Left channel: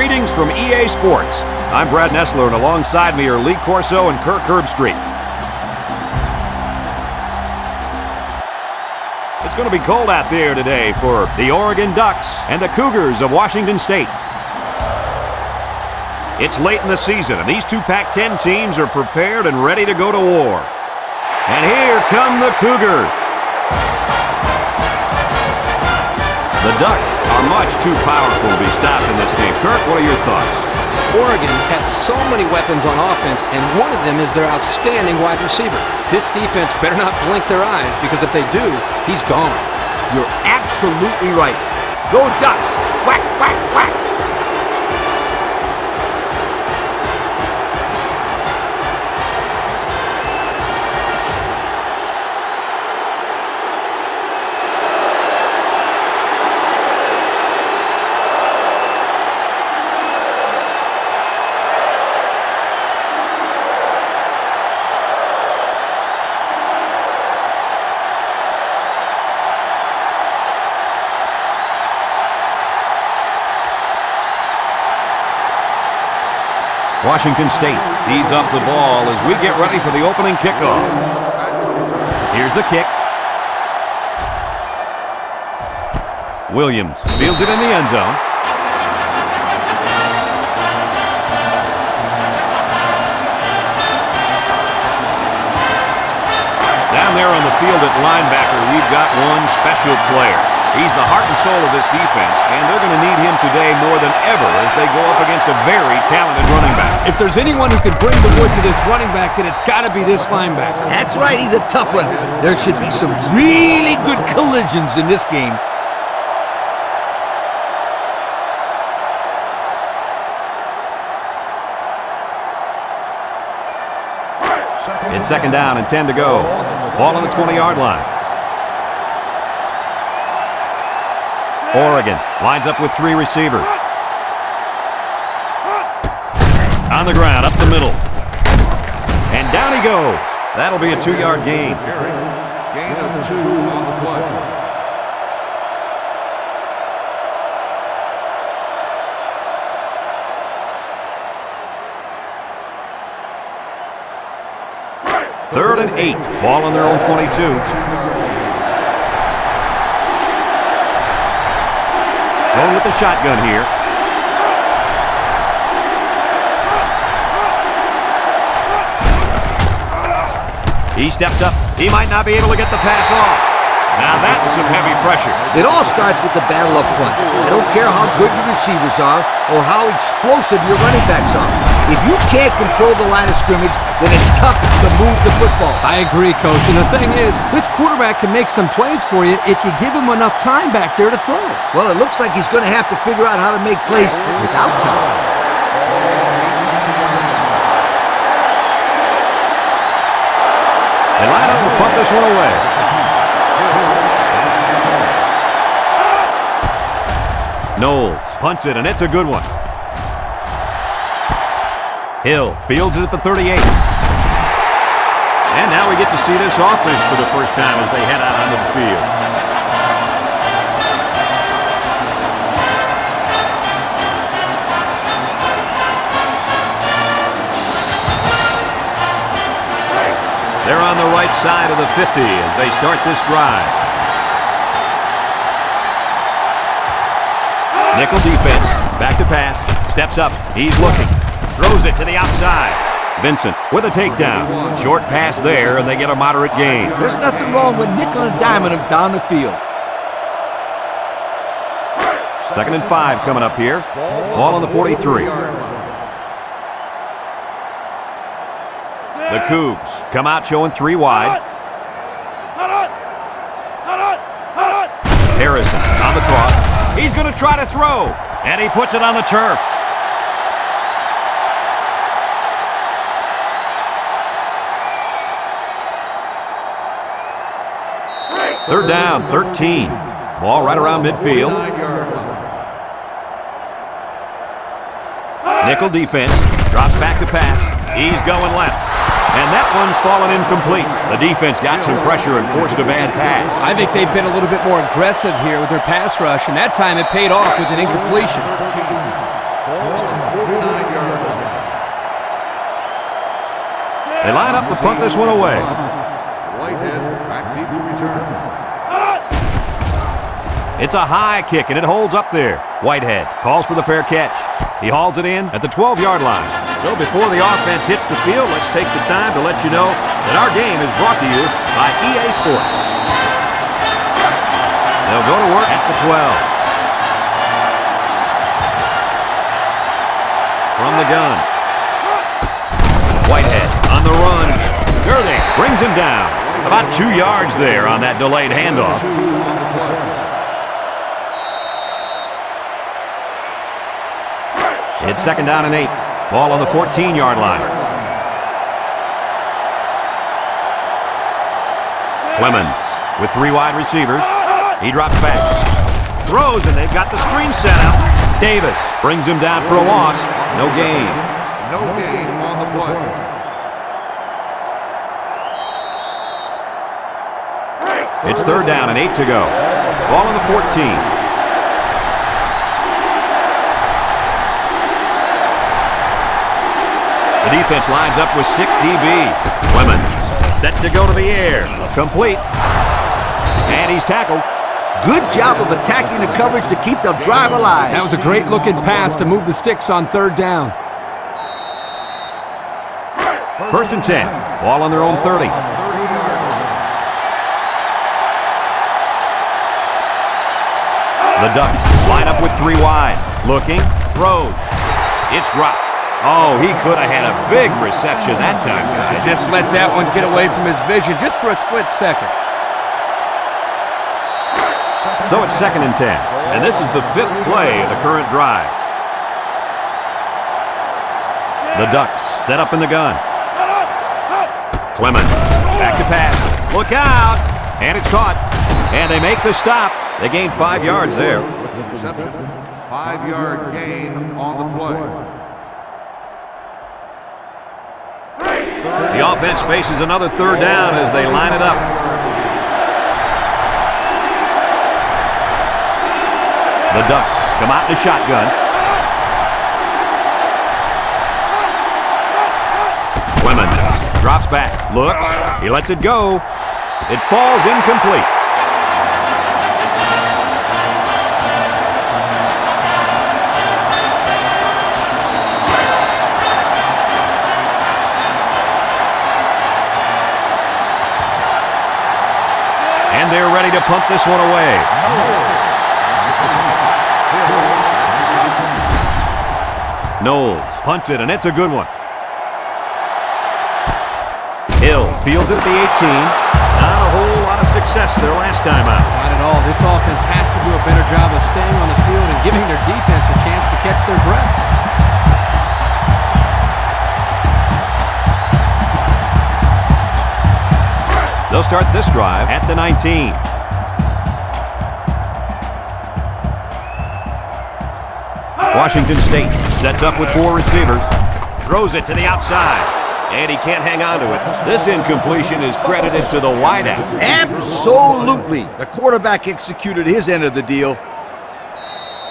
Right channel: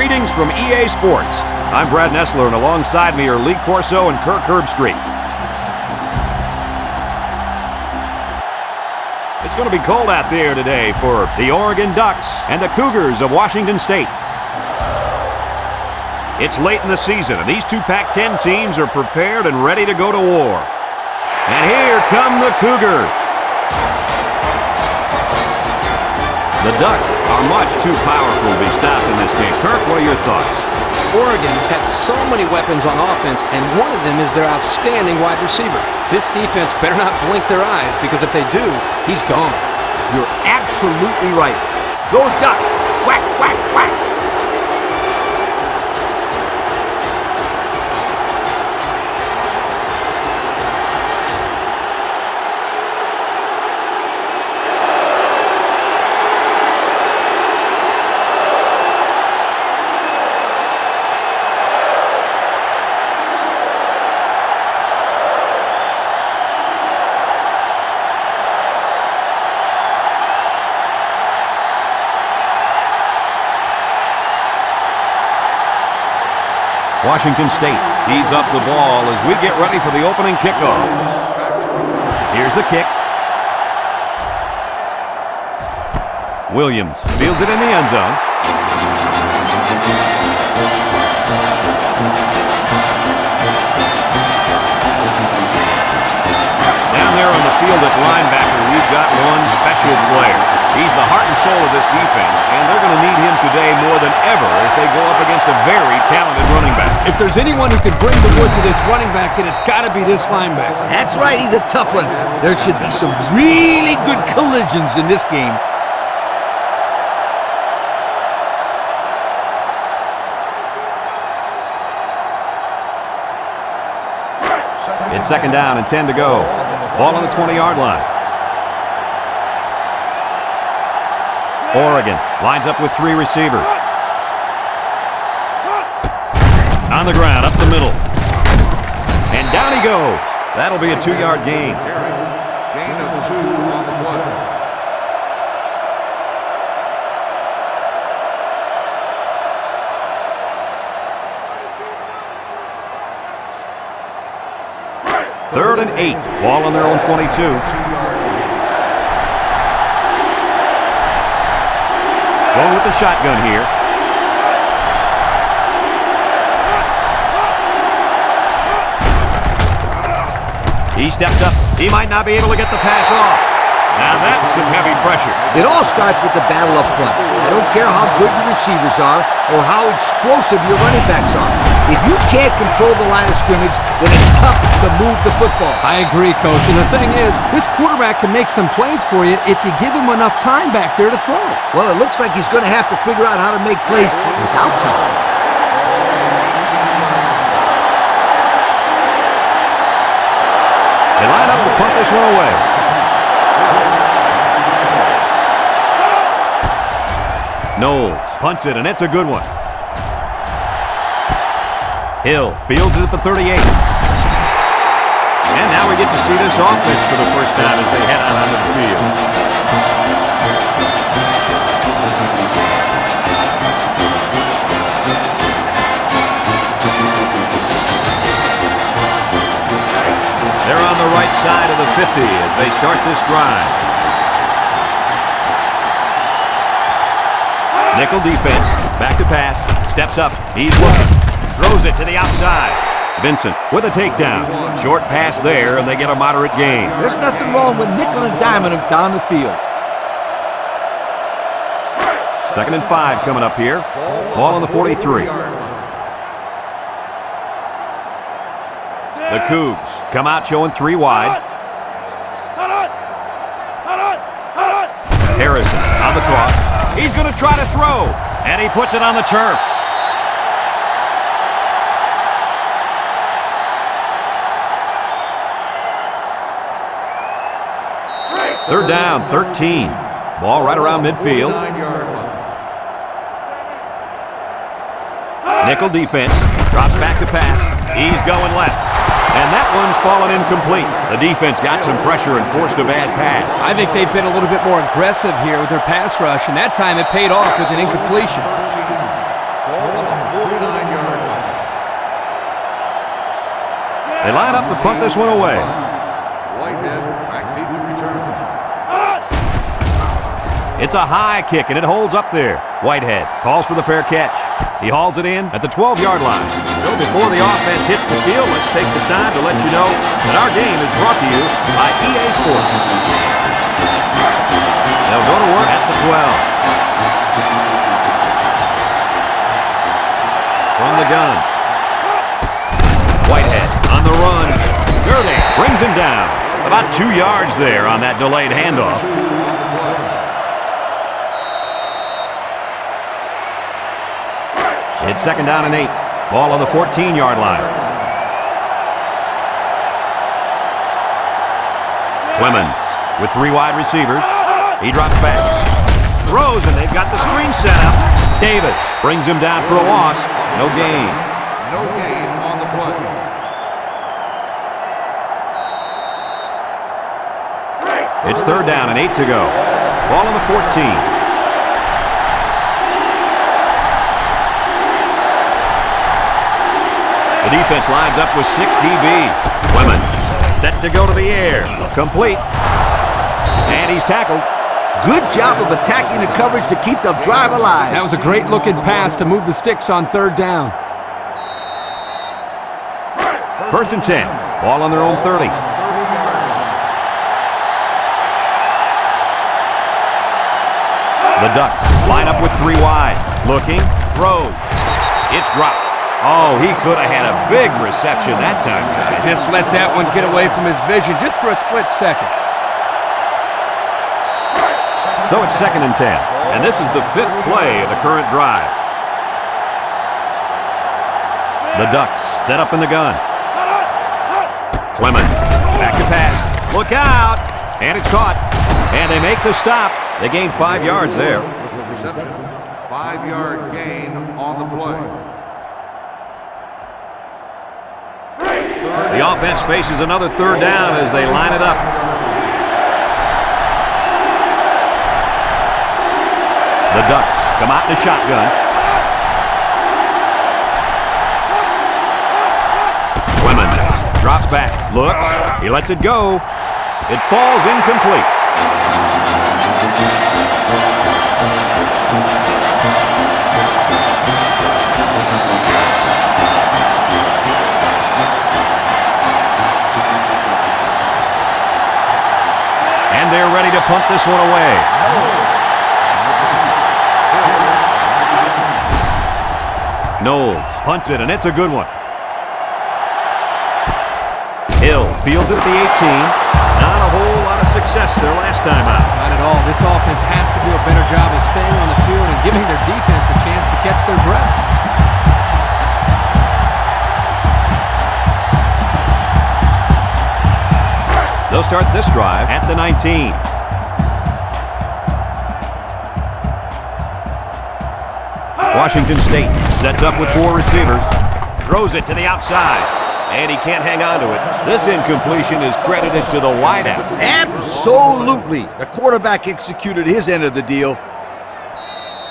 Greetings from EA Sports. I'm Brad Nessler, and alongside me are Lee Corso and Kirk Herbstreit. It's going to be cold out there today for the Oregon Ducks and the Cougars of Washington State. It's late in the season, and these two Pac-10 teams are prepared and ready to go to war. And here come the Cougars. The Ducks are much too powerful to be stopped in this game. Kirk, what are your thoughts? Oregon has so many weapons on offense, and one of them is their outstanding wide receiver. This defense better not blink their eyes, because if they do, he's gone. You're absolutely right. Go Ducks! Whack, whack, whack! Washington State tees up the ball as we get ready for the opening kickoff. Here's the kick. Williams fields it in the end zone. Down there on the field at linebacker, we've got one special player. He's the heart and soul of this defense, and they're going to need him today more than ever as they go up against a very talented running back. If there's anyone who can bring the wood to this running back, then it's got to be this linebacker. That's right, he's a tough one. There should be some really good collisions in this game. It's second down and 10 to go. Ball on the 20-yard line. Oregon lines up with three receivers. On the ground, up the middle. And down he goes. That'll be a 2-yard gain. Gain of 2 on the play. Third and 8. Ball on their own 22. Going with the shotgun here. He steps up. He might not be able to get the pass off. Now that's some heavy pressure. It all starts with the battle up front. I don't care how good your receivers are or how explosive your running backs are. If you can't control the line of scrimmage, then it's tough to move the football. I agree, Coach. And the thing is, this quarterback can make some plays for you if you give him enough time back there to throw. Well, it looks like he's going to have to figure out how to make plays without time. They line up to punt this one away. Knowles punts it, and it's a good one. Hill fields it at the 38. And now we get to see this offense for the first time as they head out onto the field. They're on the right side of the 50 as they start this drive. Nickel defense, back to pass, steps up, he's looking, throws it to the outside. Vincent with a takedown. Short pass there, and they get a moderate gain. There's nothing wrong with nickel and diming him down the field. Second and 5 coming up here. Ball on the 43. The Cougs come out showing 3 wide. Harrison on the toss. He's going to try to throw, and he puts it on the turf. Third down, 13. Ball right around midfield. Nickel defense. Drops back to pass. He's going left. And that one's fallen incomplete. The defense got some pressure and forced a bad pass. I think they've been a little bit more aggressive here with their pass rush, and that time it paid off with an incompletion. Ball They line up to punt this one away. Whitehead back deep to return. It's a high kick, and it holds up there. Whitehead calls for the fair catch. He hauls it in at the 12-yard line. So before the offense hits the field, let's take the time to let you know that our game is brought to you by EA Sports. They'll go to work at the 12. From the gun. Whitehead on the run. Gurley brings him down. About 2 yards there on that delayed handoff. It's 2nd down and 8. Ball on the 14-yard line. Clemens with 3 wide receivers. He drops back. Throws, and they've got the screen set up. Davis brings him down for a loss. No gain. No gain on the play. It's 3rd down and 8 to go. Ball on the 14. The defense lines up with 6 DBs. Clemens set to go to the air. Complete. And he's tackled. Good job of attacking the coverage to keep the drive alive. That was a great-looking pass to move the sticks on 3rd down. 1st and 10. Ball on their own 30. The Ducks line up with 3 wide. Looking. Throws. It's dropped. Oh, he could have had a big reception that time, guys. Just let that one get away from his vision just for a split second. So it's 2nd and 10. And this is the 5th play of the current drive. The Ducks set up in the gun. Clemens back to pass. Look out! And it's caught. And they make the stop. They gain 5 yards there. With the reception, 5-yard gain on the play. The offense faces another 3rd down as they line it up. The Ducks come out in a shotgun. Clemens drops back, looks, he lets it go. It falls incomplete. And they're ready to punt this one away. Knowles punts it, and it's a good one. Hill fields it at the 18. Not a whole lot of success their last time out. Not at all. This offense has to do a better job of staying on the field and giving their defense a chance to catch their breath. They'll start this drive at the 19. Washington State sets up with 4 receivers. Throws it to the outside. And he can't hang on to it. This incompletion is credited to the wideout. Absolutely. The quarterback executed his end of the deal.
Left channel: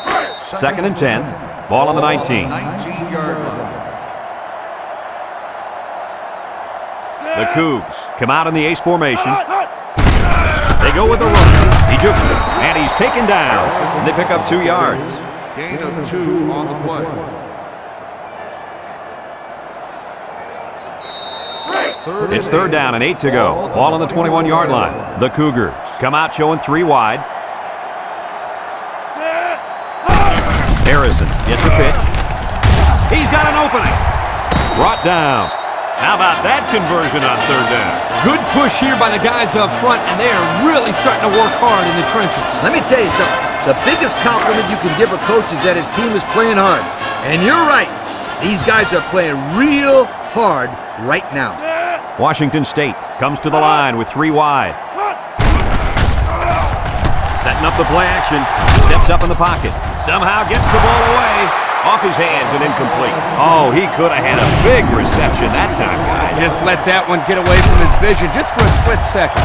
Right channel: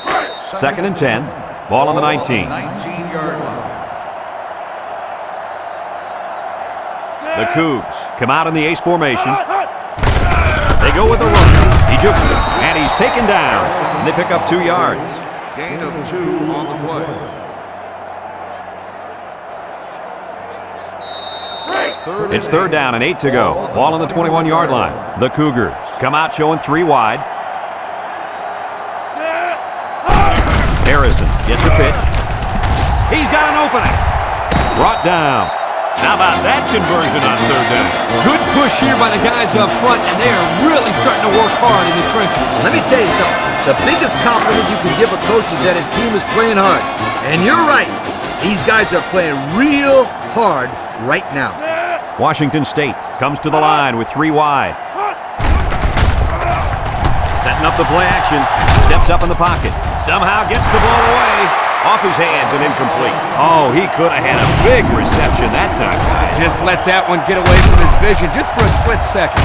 2nd and 10. Ball on the 19. 19-yard line. The Cougs come out in the ace formation. They go with the run. He jukes it, and he's taken down. And they pick up 2 yards. Gain of 2 on the play. It's 3rd down and 8 to go. Ball on the 21-yard line. The Cougars come out showing 3 wide. Harrison gets a pitch. He's got an opening. Brought down. How about that conversion on 3rd down? Good push here by the guys up front, and they are really starting to work hard in the trenches. Let me tell you something. The biggest compliment you can give a coach is that his team is playing hard. And you're right. These guys are playing real hard right now. Washington State comes to the line with 3 wide. Setting up the play action. Steps up in the pocket. Somehow gets the ball away. Off his hands and incomplete. Oh, he could have had a big reception that time, guys. Just let that one get away from his vision just for a split second.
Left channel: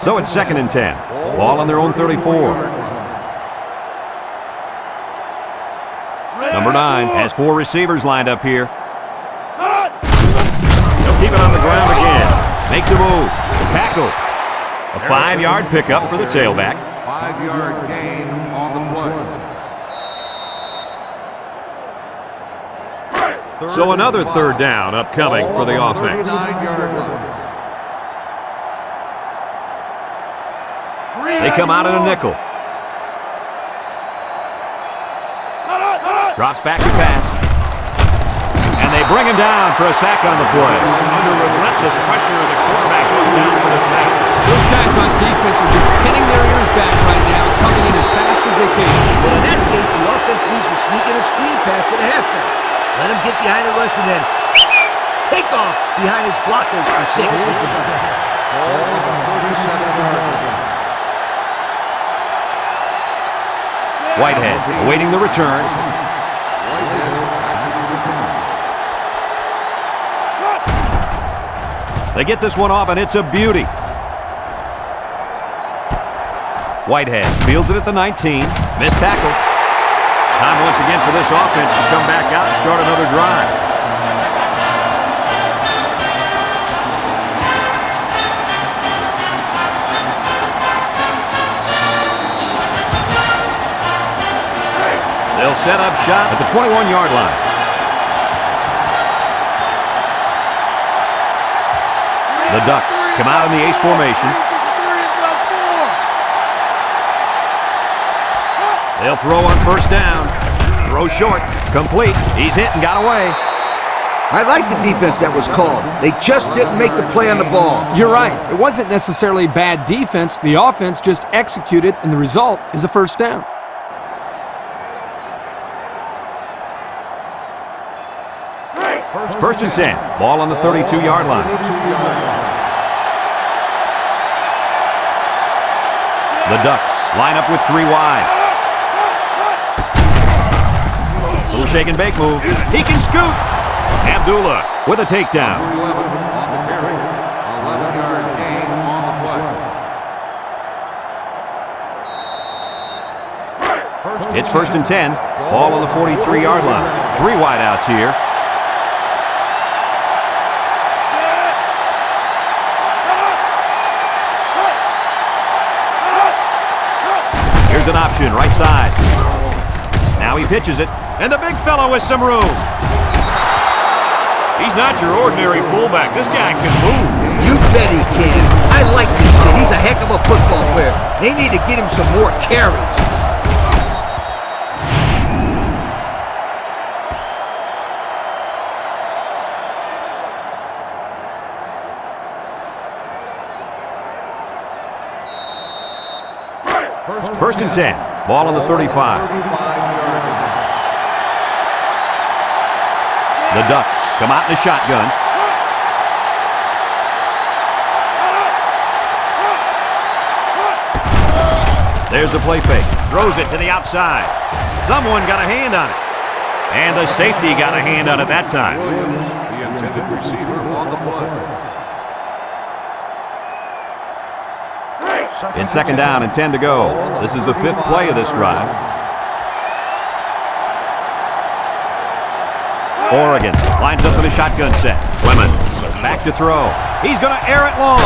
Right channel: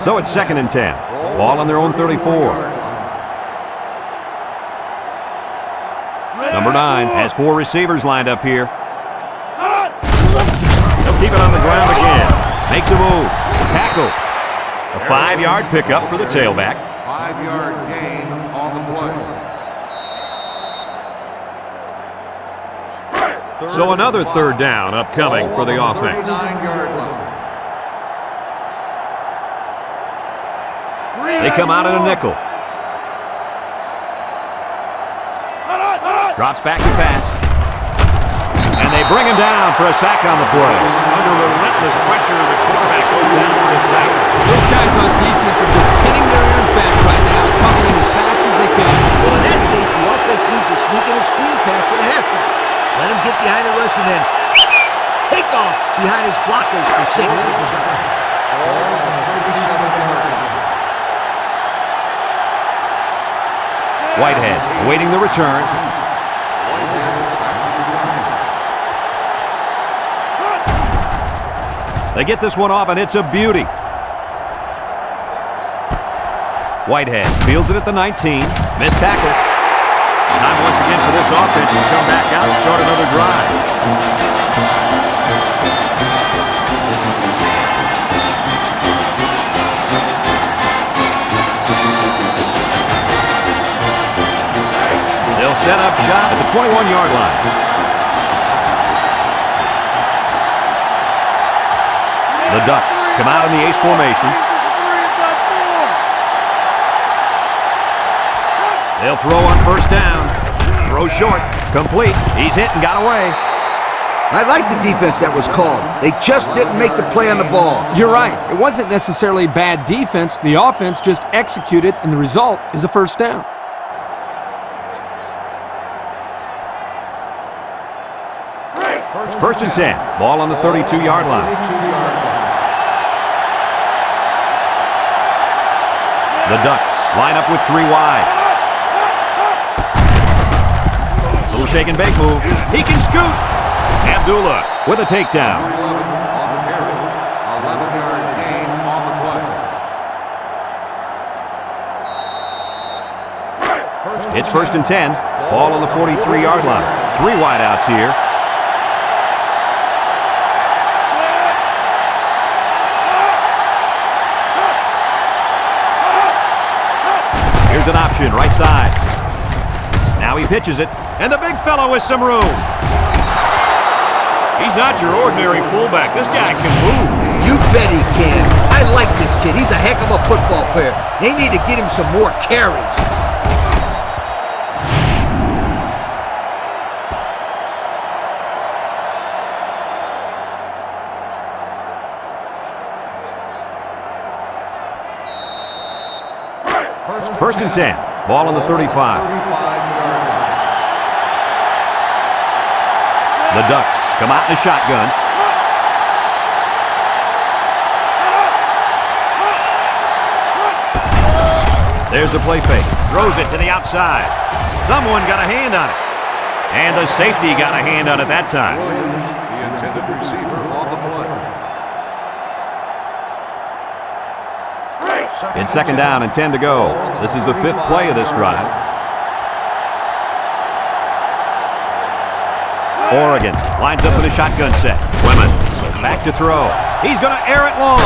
So it's 2nd and 10. Ball on their own 34. Number 9 has 4 receivers lined up here. He'll keep it on the ground again. Makes a move. Tackle. A 5-yard pickup for the tailback. 5-yard gain on the play. So another 3rd down upcoming for the offense. 39-yard line. They come out in a nickel. Drops back to pass. And they bring him down for a sack on the play. Under relentless pressure, the quarterback goes down for the sack. Those guys on defense are just pinning their ears back right now and coming in as fast as they can. Well, in that case, the offense needs to sneak in a screen pass at a halfback. Let him get behind the rush and then take off behind his blockers for 6. Ball on the 37-yard line. Whitehead awaiting the return. Whitehead back to return. They get this one off, and it's a beauty. Whitehead fields it at the 19. Missed tackle. Time once again for this offense to come back out and start another drive. They'll set up shop at the 21-yard line. The Ducks come out in the ace formation. They'll throw on 1st down. Throw short. Complete. He's hit and got away. I like the defense that was called. They just didn't make the play on the ball. You're right. It wasn't necessarily bad defense. The offense just executed, and the result is a 1st down. First and 10. Ball on the 32-yard line. The Ducks line up with 3 wide. Little shake and bake move. He can scoot. Abdullah with a takedown. Number 11 on the carry. 11-yard gain on the play. It's 1st and 10. Ball on the 43-yard line. 3 wide outs here. Here's an option, right side. Now he pitches it, and the big fella with some room. He's not your ordinary fullback. This guy can move. You bet he can. I like this kid. He's a heck of a football player. They need to get him some more carries. First and 10. Ball on the 35. 35-yard line. The Ducks come out in a shotgun. There's a play fake. Throws it to the outside. Someone got a hand on it. And the safety got a hand on it that time. Williams, the intended receiver, on the play. It's 2nd down and 10 to go. This is the 5th play of this drive. Oregon lines up in a shotgun set. Clemens back to throw. He's going to air it long.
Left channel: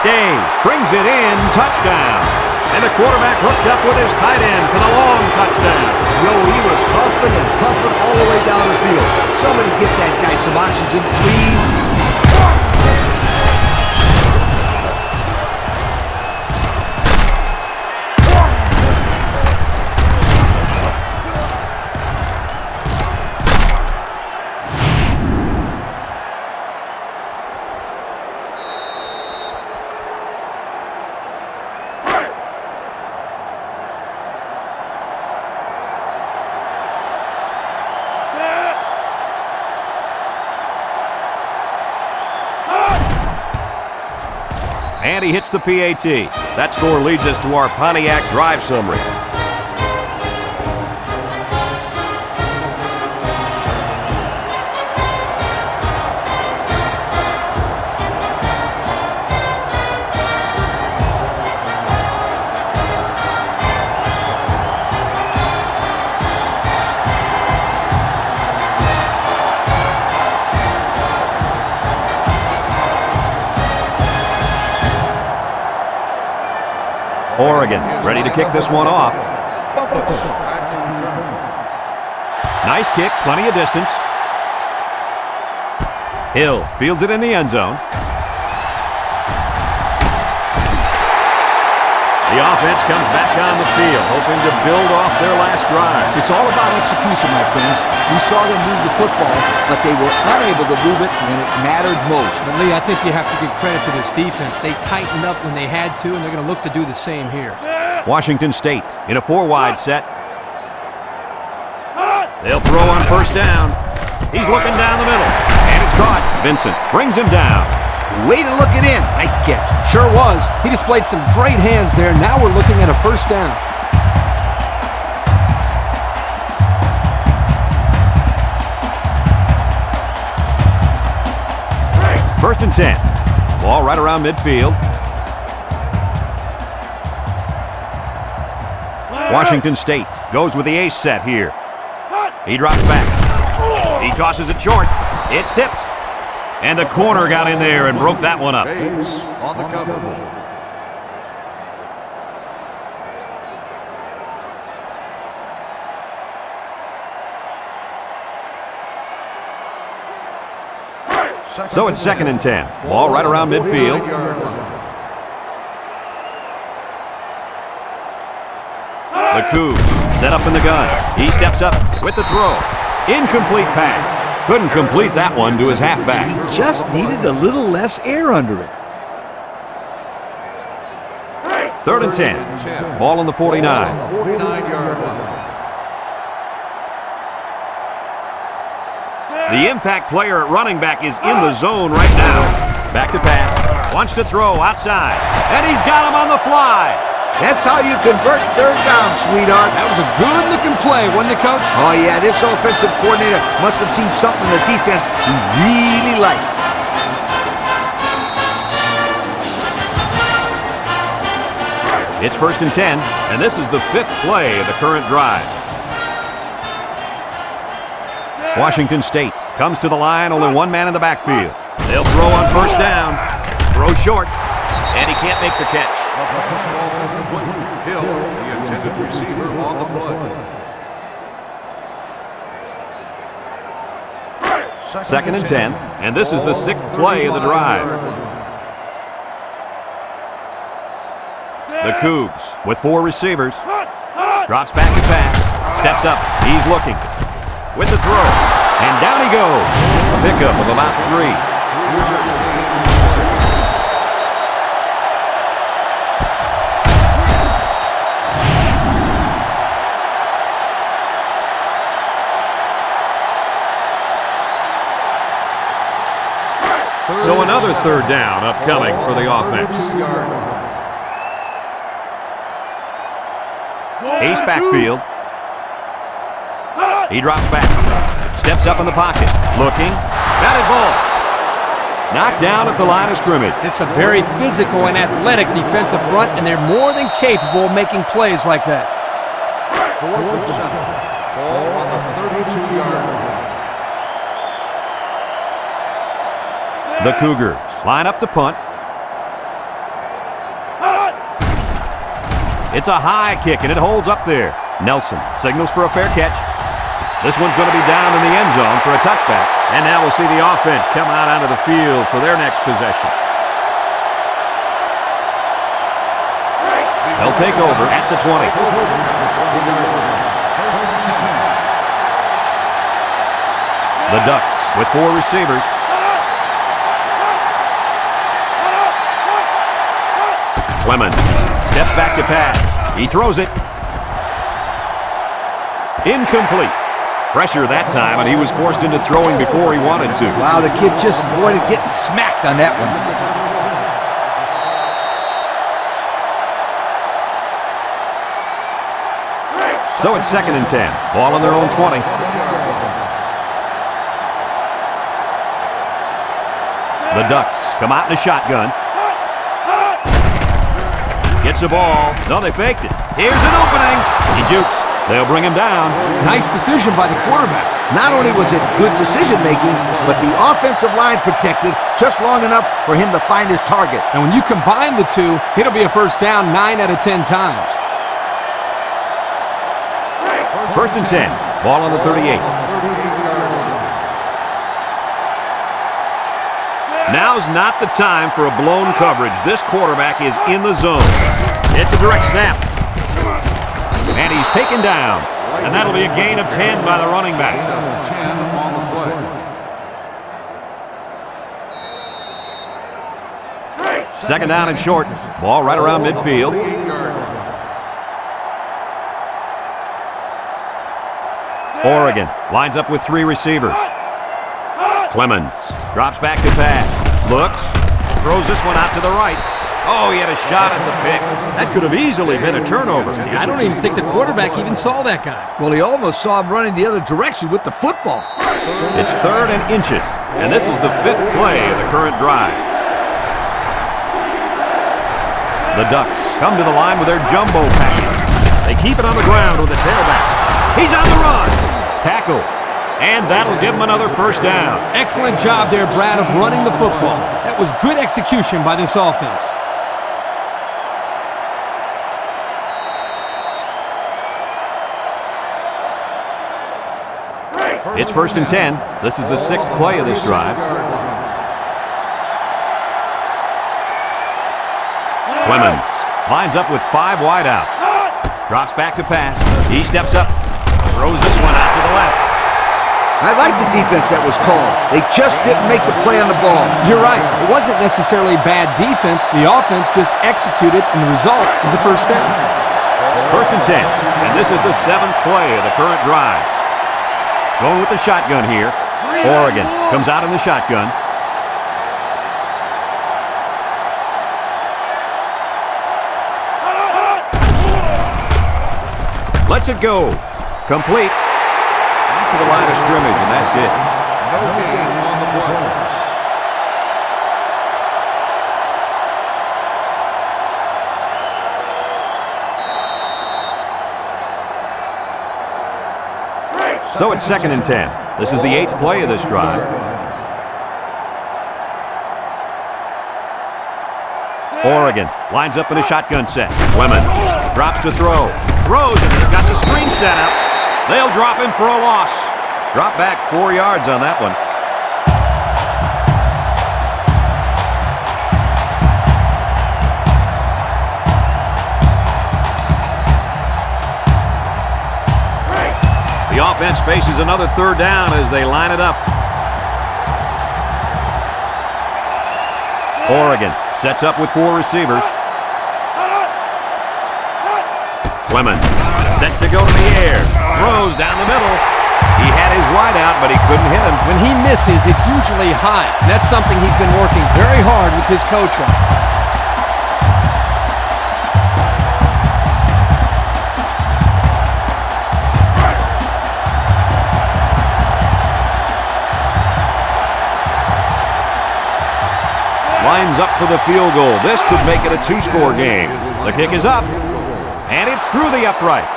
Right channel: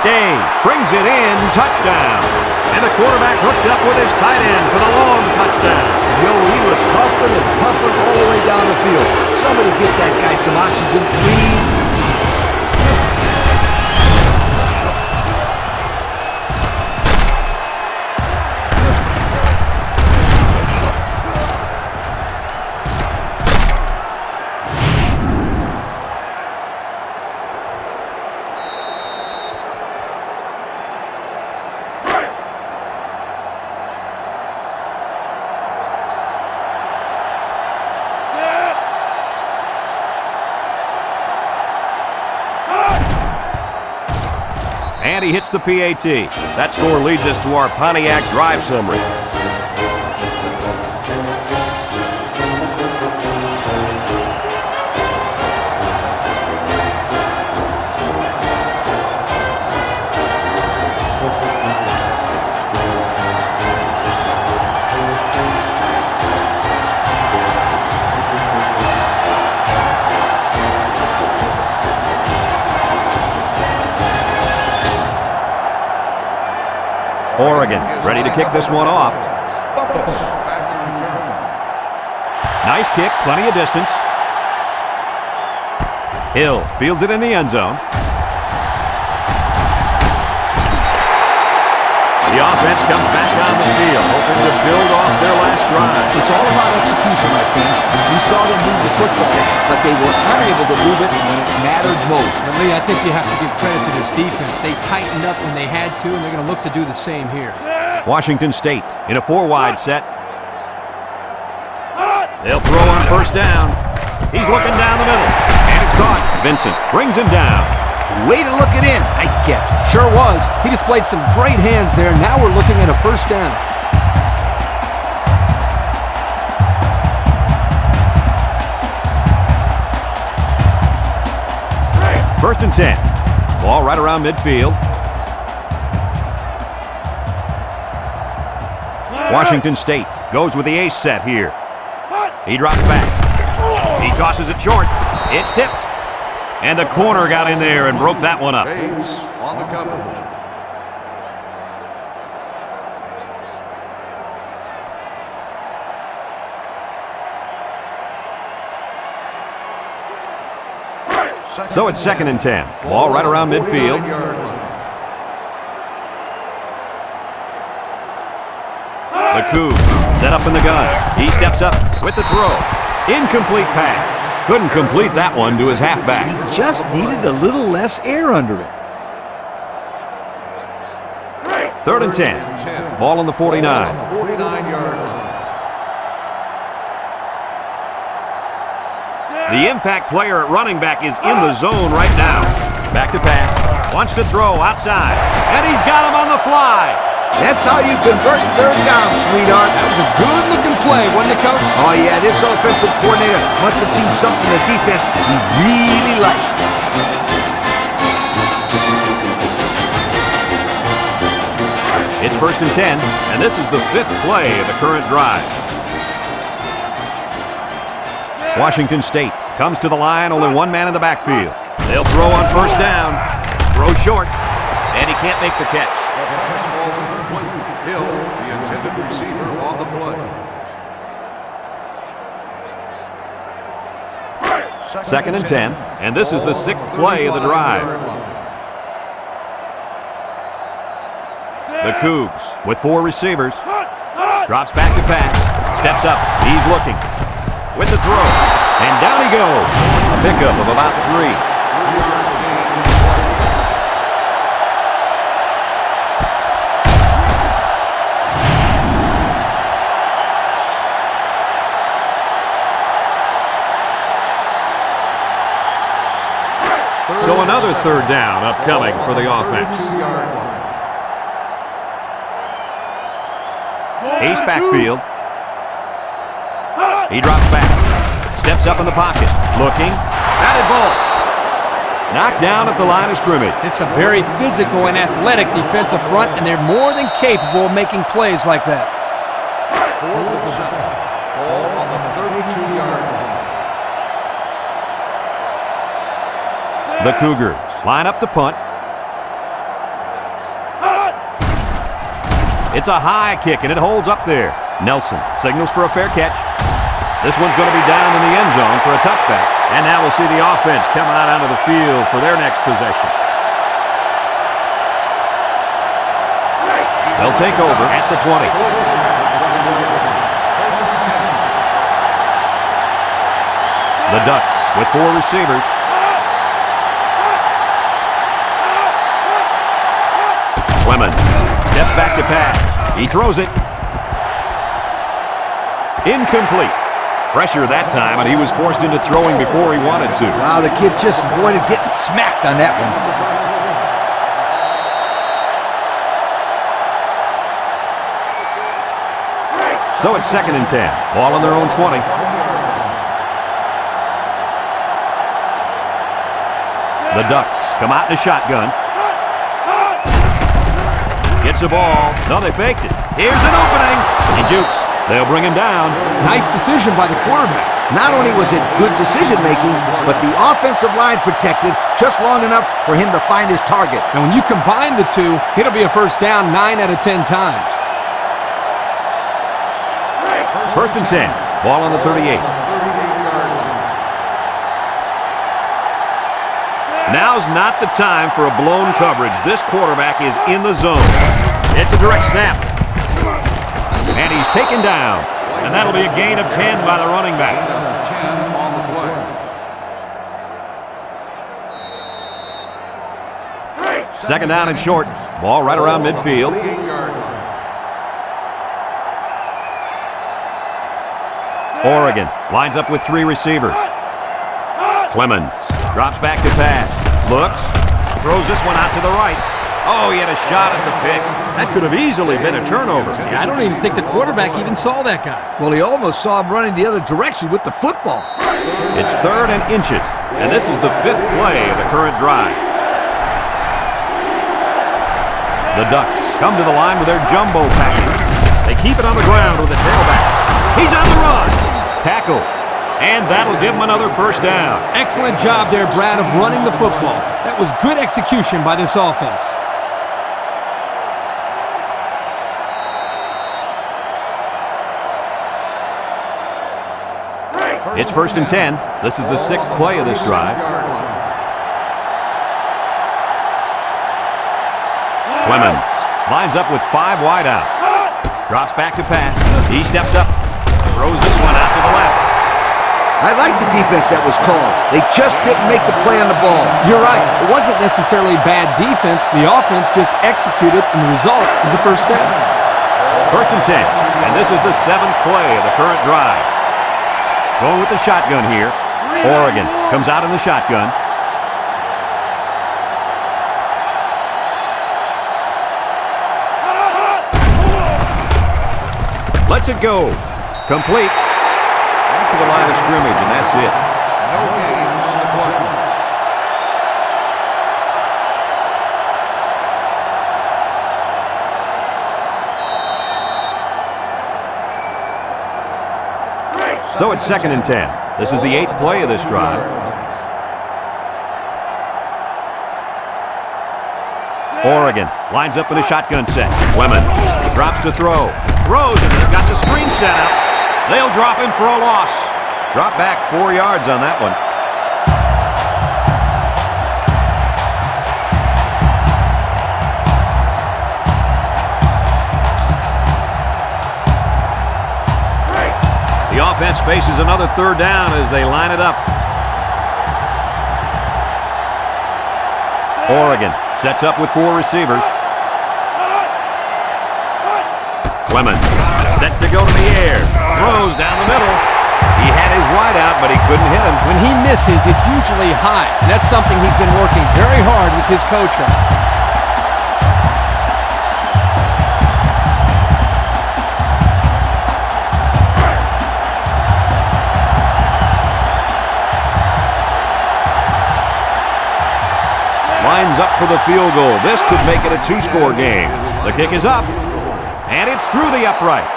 Day brings it in. Touchdown. And the quarterback hooked up with his tight end for the long touchdown. Yo, he was huffing and puffing all the way down the field. Somebody get that guy some oxygen, please. And he hits the PAT. That score leads us to our Pontiac drive summary. Oregon ready to kick this one off. Bumpus back to return. Nice kick, plenty of distance. Hill fields it in the end zone. The offense comes back on the field, hoping to build off their last drive. It's all about execution, my friends. We saw them move the football, but they were unable to move it when it mattered most. But Lee, I think you have to give credit to this defense. They tightened up when they had to, and they're going to look to do the same here. Washington State in a 4-wide set. They'll throw on first down. He's looking down the middle, and it's caught. Vincent brings him down. Way to look it in. Nice catch. Sure was. He displayed some great hands there. Now we're looking at a first down. First and 10. Ball right around midfield. Washington State goes with the ace set here. He drops back. He tosses it short. It's tipped. And the corner got in there and broke that one up. Bates on the coverage. So it's second and 10. Ball right around midfield. The Cougs set up in the gun. He steps up with the throw. Incomplete pass. Couldn't complete that one to his halfback. He just needed a little less air under it. Third and 10. Ball on the 49. 49-yard line. The impact player at running back is in the zone right now. Back to pass. Wants to throw outside. And he's got him on the fly. That's how you convert third down, sweetheart. That was a good-looking play, wasn't it, Coach? Oh, yeah, this offensive coordinator must have seen something in the defense he really liked. It's first and 10, and this is the 5th play of the current drive. Washington State comes to the line, only one man in the backfield. They'll throw on first down. Throw short, and he can't make the catch. The pass ball's incomplete. Hill, the intended receiver, on the play. Second and 10, and this is the 6th play of the drive. The Cougs with 4 receivers. Drops back to pass. Steps up. He's looking. With the throw. And down he goes. A pickup of about 3. 3-yard gain on the play. So another third down upcoming for the offense. 32-yard line. Ace backfield. He drops back. Steps up in the pocket. Looking. Batted ball. Knocked down at the line of scrimmage. It's a very physical and athletic defensive front, and they're more than capable of making plays like that. 4th and 7. Ball on the 32-yard line. The Cougars line up to punt. It's a high kick, and it holds up there. Nelson signals for a fair catch. This one's going to be down in the end zone for a touchback. And now we'll see the offense come out onto the field for their next possession. They'll take over at the 20. At the 20-yard line. First and 10. The Ducks with 4 receivers. Clemens steps back to pass. He throws it. Incomplete. Pressure that time, and he was forced into throwing before he wanted to. Wow, the kid just avoided getting smacked on that one. So it's second and 10. Ball on their own 20. 20-yard line. The Ducks come out in a shotgun. Gets the ball. No, they faked it. Here's an opening. He jukes. They'll bring him down. Nice decision by the quarterback. Not only was it good decision-making, but the offensive line protected just long enough for him to find his target. And when you combine the two, it'll be a first down 9 out of 10 times. First and 10. Ball on the 38. 38-yard line. Now's not the time for a blown coverage. This quarterback is in the zone. It's a direct snap. And he's taken down. And that'll be a gain of 10 by the running back. Gain of 10 on the play. Second down and short. Ball right around midfield. 48-yard line. Oregon lines up with 3 receivers. Clemens drops back to pass. Looks. Throws this one out to the right. Oh, he had a shot at the pick. That could have easily been a turnover. Yeah, I don't even think the quarterback even saw that guy. Well, he almost saw him running the other direction with the football. It's 3rd and inches. And this is the 5th play of the current drive. The Ducks come to the line with their jumbo package. They keep it on the ground with the tailback. He's on the run. Tackle. And that'll give him another first down. Excellent job there, Brad, of running the football. That was good execution by this offense. It's first and 10. This is the 6th play of this drive. Clemens lines up with 5 wide out. Drops back to pass. He steps up. Throws this one out to the left. I like the defense that was called. They just didn't make the play on the ball. You're right. It wasn't necessarily bad defense. The offense just executed, and the result is a first down. First and 10. And this is the 7th play of the current drive. Going with the shotgun here. Oregon comes out in the shotgun. Lets it go. Complete. Back to the line of scrimmage, and that's it. No gain on the play. So it's second and 10. This is the 8th play of this drive. Oregon lines up in a shotgun set. Clemens drops to throw. Throws, and they've got the screen set up. They'll drop him for a loss. Drop back 4 yards on that one. The offense faces another 3rd down as they line it up. Oregon sets up with 4 receivers. Clemens set to go to the air. Throws down the middle. He had his wide out, but he couldn't hit him. When he misses, it's usually high, and that's something he's been working very hard with his coach on. Lines up for the field goal. This could make it a 2-score game. The kick is up, and it's through the upright.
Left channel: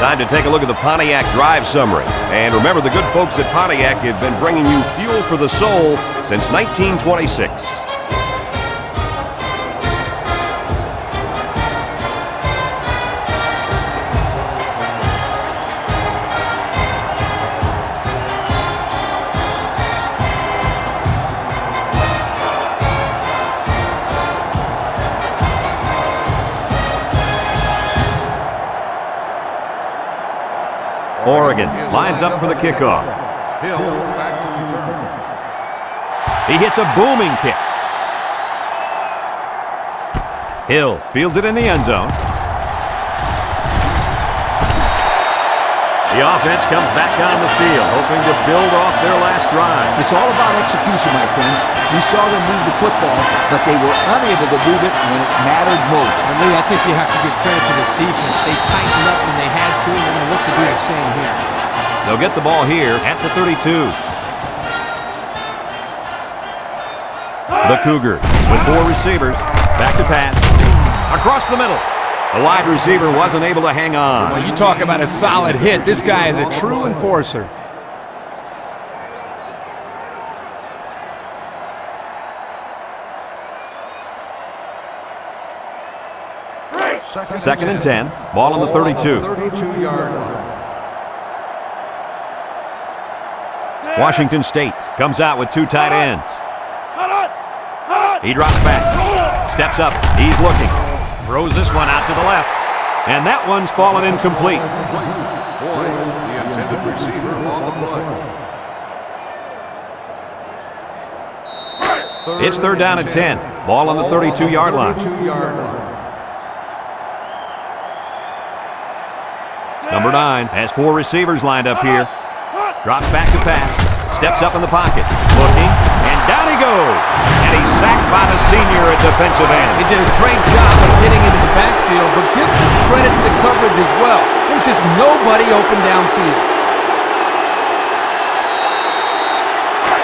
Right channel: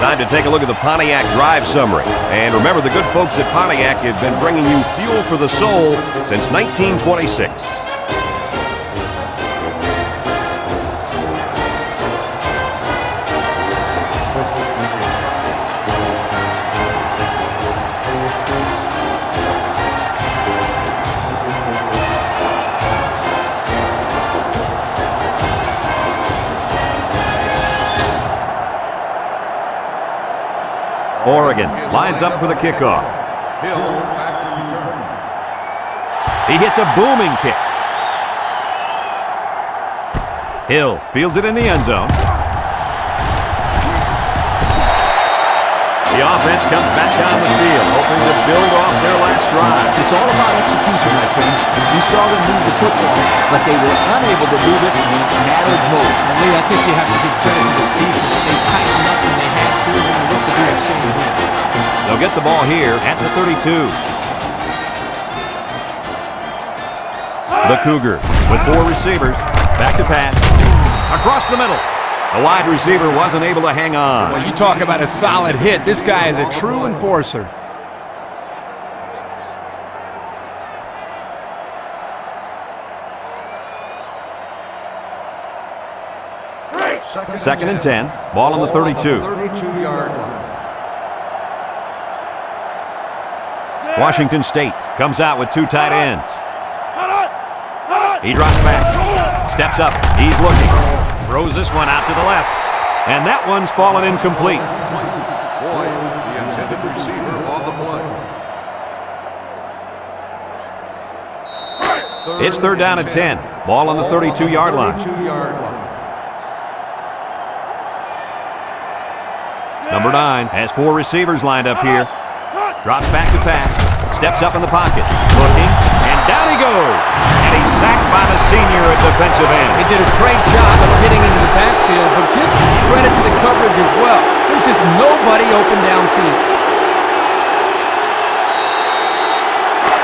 Time to take a look at the Pontiac drive summary. And remember, the good folks at Pontiac have been bringing you fuel for the soul since 1926. Oregon lines up for the kickoff. Hill back to return. He hits a booming kick. Hill fields it in the end zone. The offense comes back on the field, hoping to build off their last drive. It's all about execution, my friends. We saw them move the football, but they were unable to move it when it mattered most. And Lee, I think you have to give credit to this defense. They tightened up when they had to, and they're going to look to do the same here. They'll get the ball here at the 32. The Cougars with 4 receivers. Back to pass. Across the middle. The wide receiver wasn't able to hang on. Well, you talk about a solid hit. This guy is a true enforcer. Second and 10. Ball on the 32. 32-yard line. Washington State comes out with two tight ends. He drops back. Steps up. He's looking. Throws this one out to the left. And that one's fallen incomplete. Boyd, the intended receiver, on the play. It's third down and 10. Ball on the 32-yard line. 32-yard line. Number 9 has 4 receivers lined up here. Drops back to pass. Steps up in the pocket. Looking. And down he goes. And he's sacked by the senior at defensive end. He did a great job of getting into the backfield, but give some credit to the coverage as well. There's just nobody open downfield.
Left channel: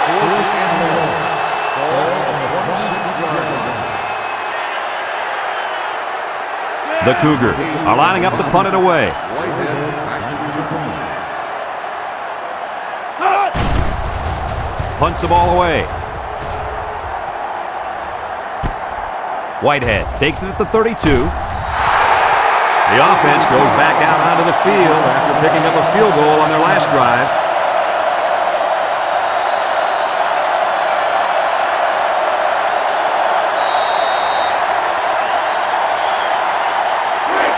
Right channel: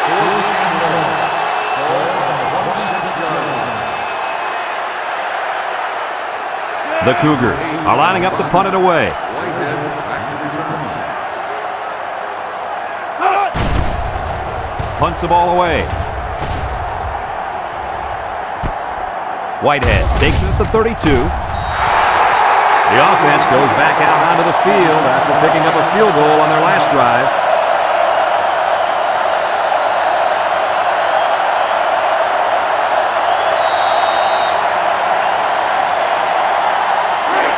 Fourth and long. Ball on the 26-yard line. The Cougars are lining up to punt it away. Whitehead back to return. Punts the ball away. Whitehead takes it at the 32. The offense goes back out onto the field after picking up a field goal on their last drive.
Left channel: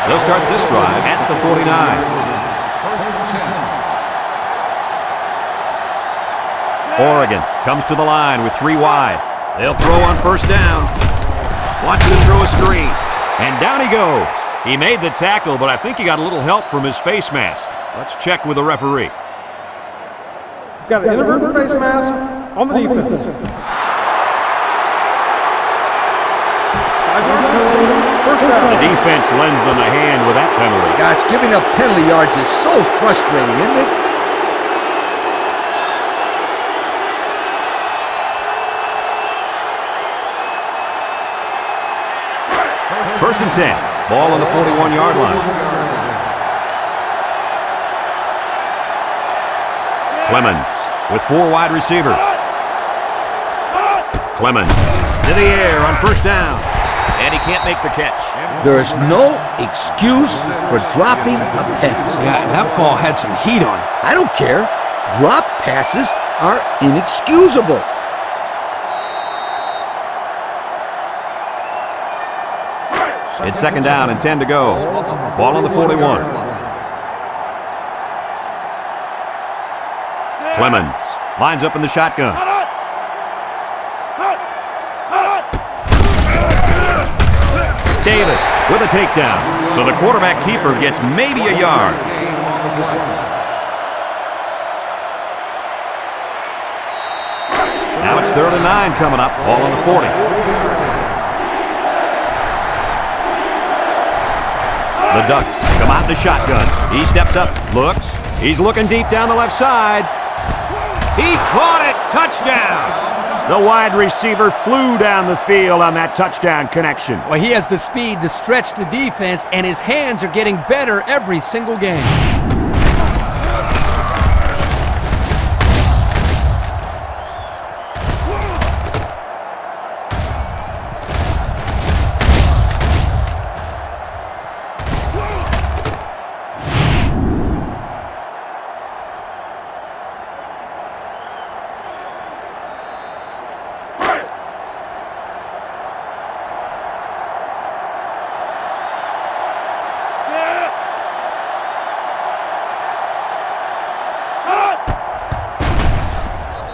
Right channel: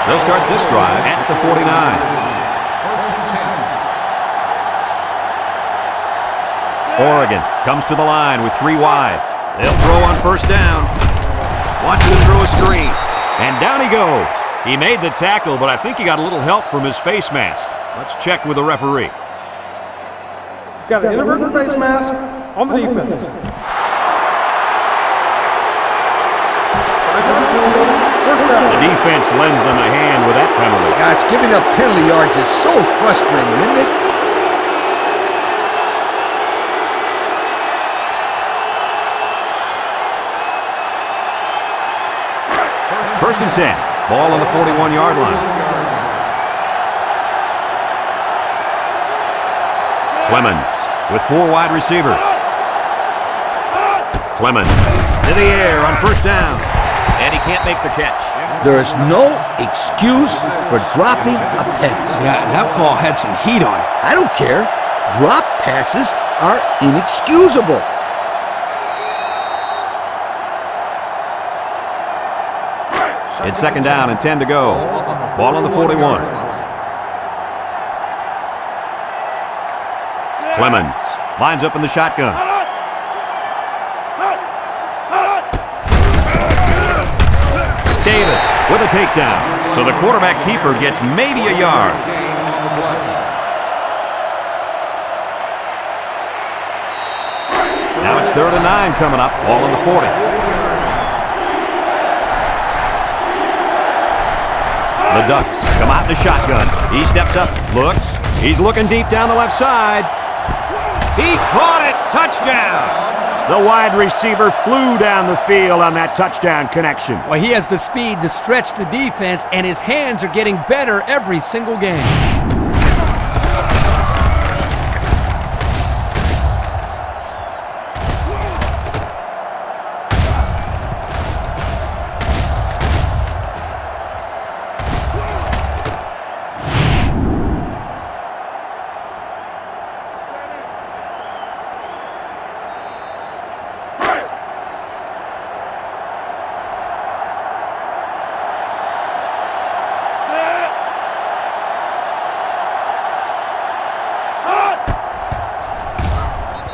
They'll start this drive at the 49. First and 10. Oregon comes to the line with 3 wide. They'll throw on first down. Wants to throw a screen. And down he goes. He made the tackle, but I think he got a little help from his face mask. Let's check with the referee. Got an inadvertent face mask on the defense. 5-yard penalty, first down. The defense lends them a hand with that penalty. Gosh, giving up penalty yards is so frustrating, isn't it? First and 10. Ball on the 41-yard line. Clemens with 4 wide receivers. Clemens to the air on first down. And he can't make the catch. There's no excuse for dropping a pass. Yeah, that ball had some heat on it. I don't care. Drop passes are inexcusable. It's second down and 10 to go. Ball on the 41. Clemens lines up in the shotgun. Davis with a takedown. So the quarterback keeper gets maybe a yard. Now it's third and 9 coming up. Ball on the 40. The Ducks come out in the shotgun. He steps up, looks. He's looking deep down the left side. He caught it. Touchdown. The wide receiver flew down the field on that touchdown connection. Well, he has the speed to stretch the defense, and his hands are getting better every single game.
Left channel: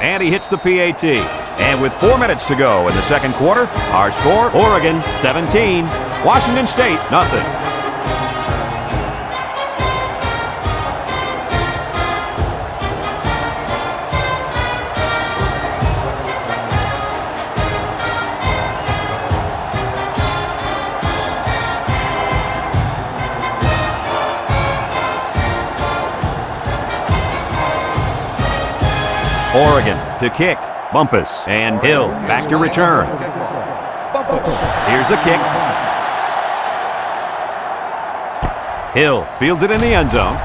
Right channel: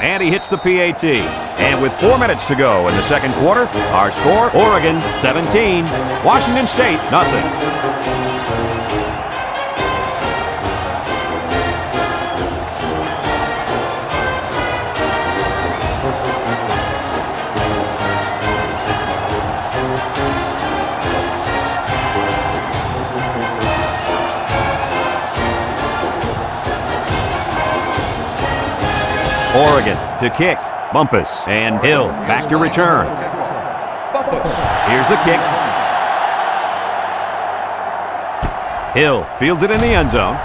And he hits the PAT. And with 4 minutes to go in the second quarter, our score, Oregon 17, Washington State nothing. Oregon to kick. Bumpus and Hill back to return. Here's the kick. Hill fields it in the end zone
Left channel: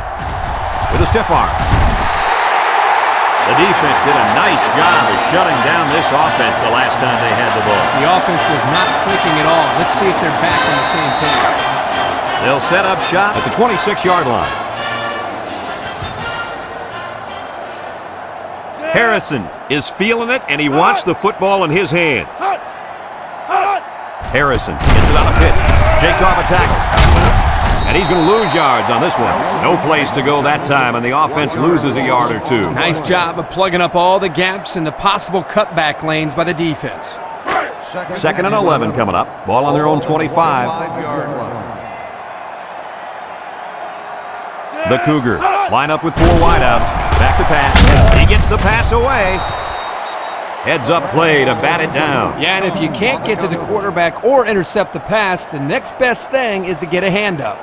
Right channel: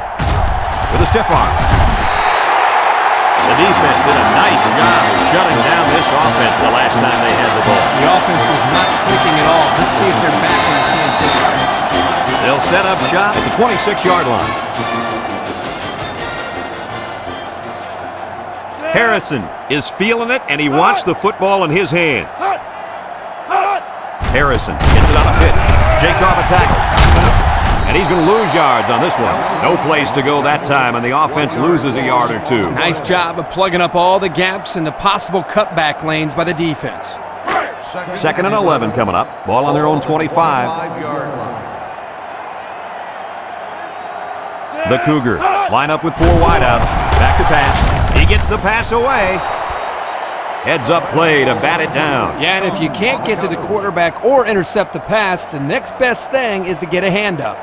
with a stiff arm. The defense did a nice job of shutting down this offense the last time they had the ball. The offense was not clicking at all. Let's see if they're back on the same page. They'll set up shop at the 26-yard line. Harrison is feeling it, and he wants the football in his hands. Harrison gets it on a pitch, shakes off a tackle. And he's going to lose yards on this one. No place to go that time, and the offense loses a yard or two. Nice job of plugging up all the gaps and the possible cutback lanes by the defense. Second and 11 coming up. Ball on their own 25. The Cougar line up with 4 wideouts. Back to pass. He gets the pass away. Heads up play to bat it down. Yeah, and if you can't get to the quarterback or intercept the pass, the next best thing is to get a hand up.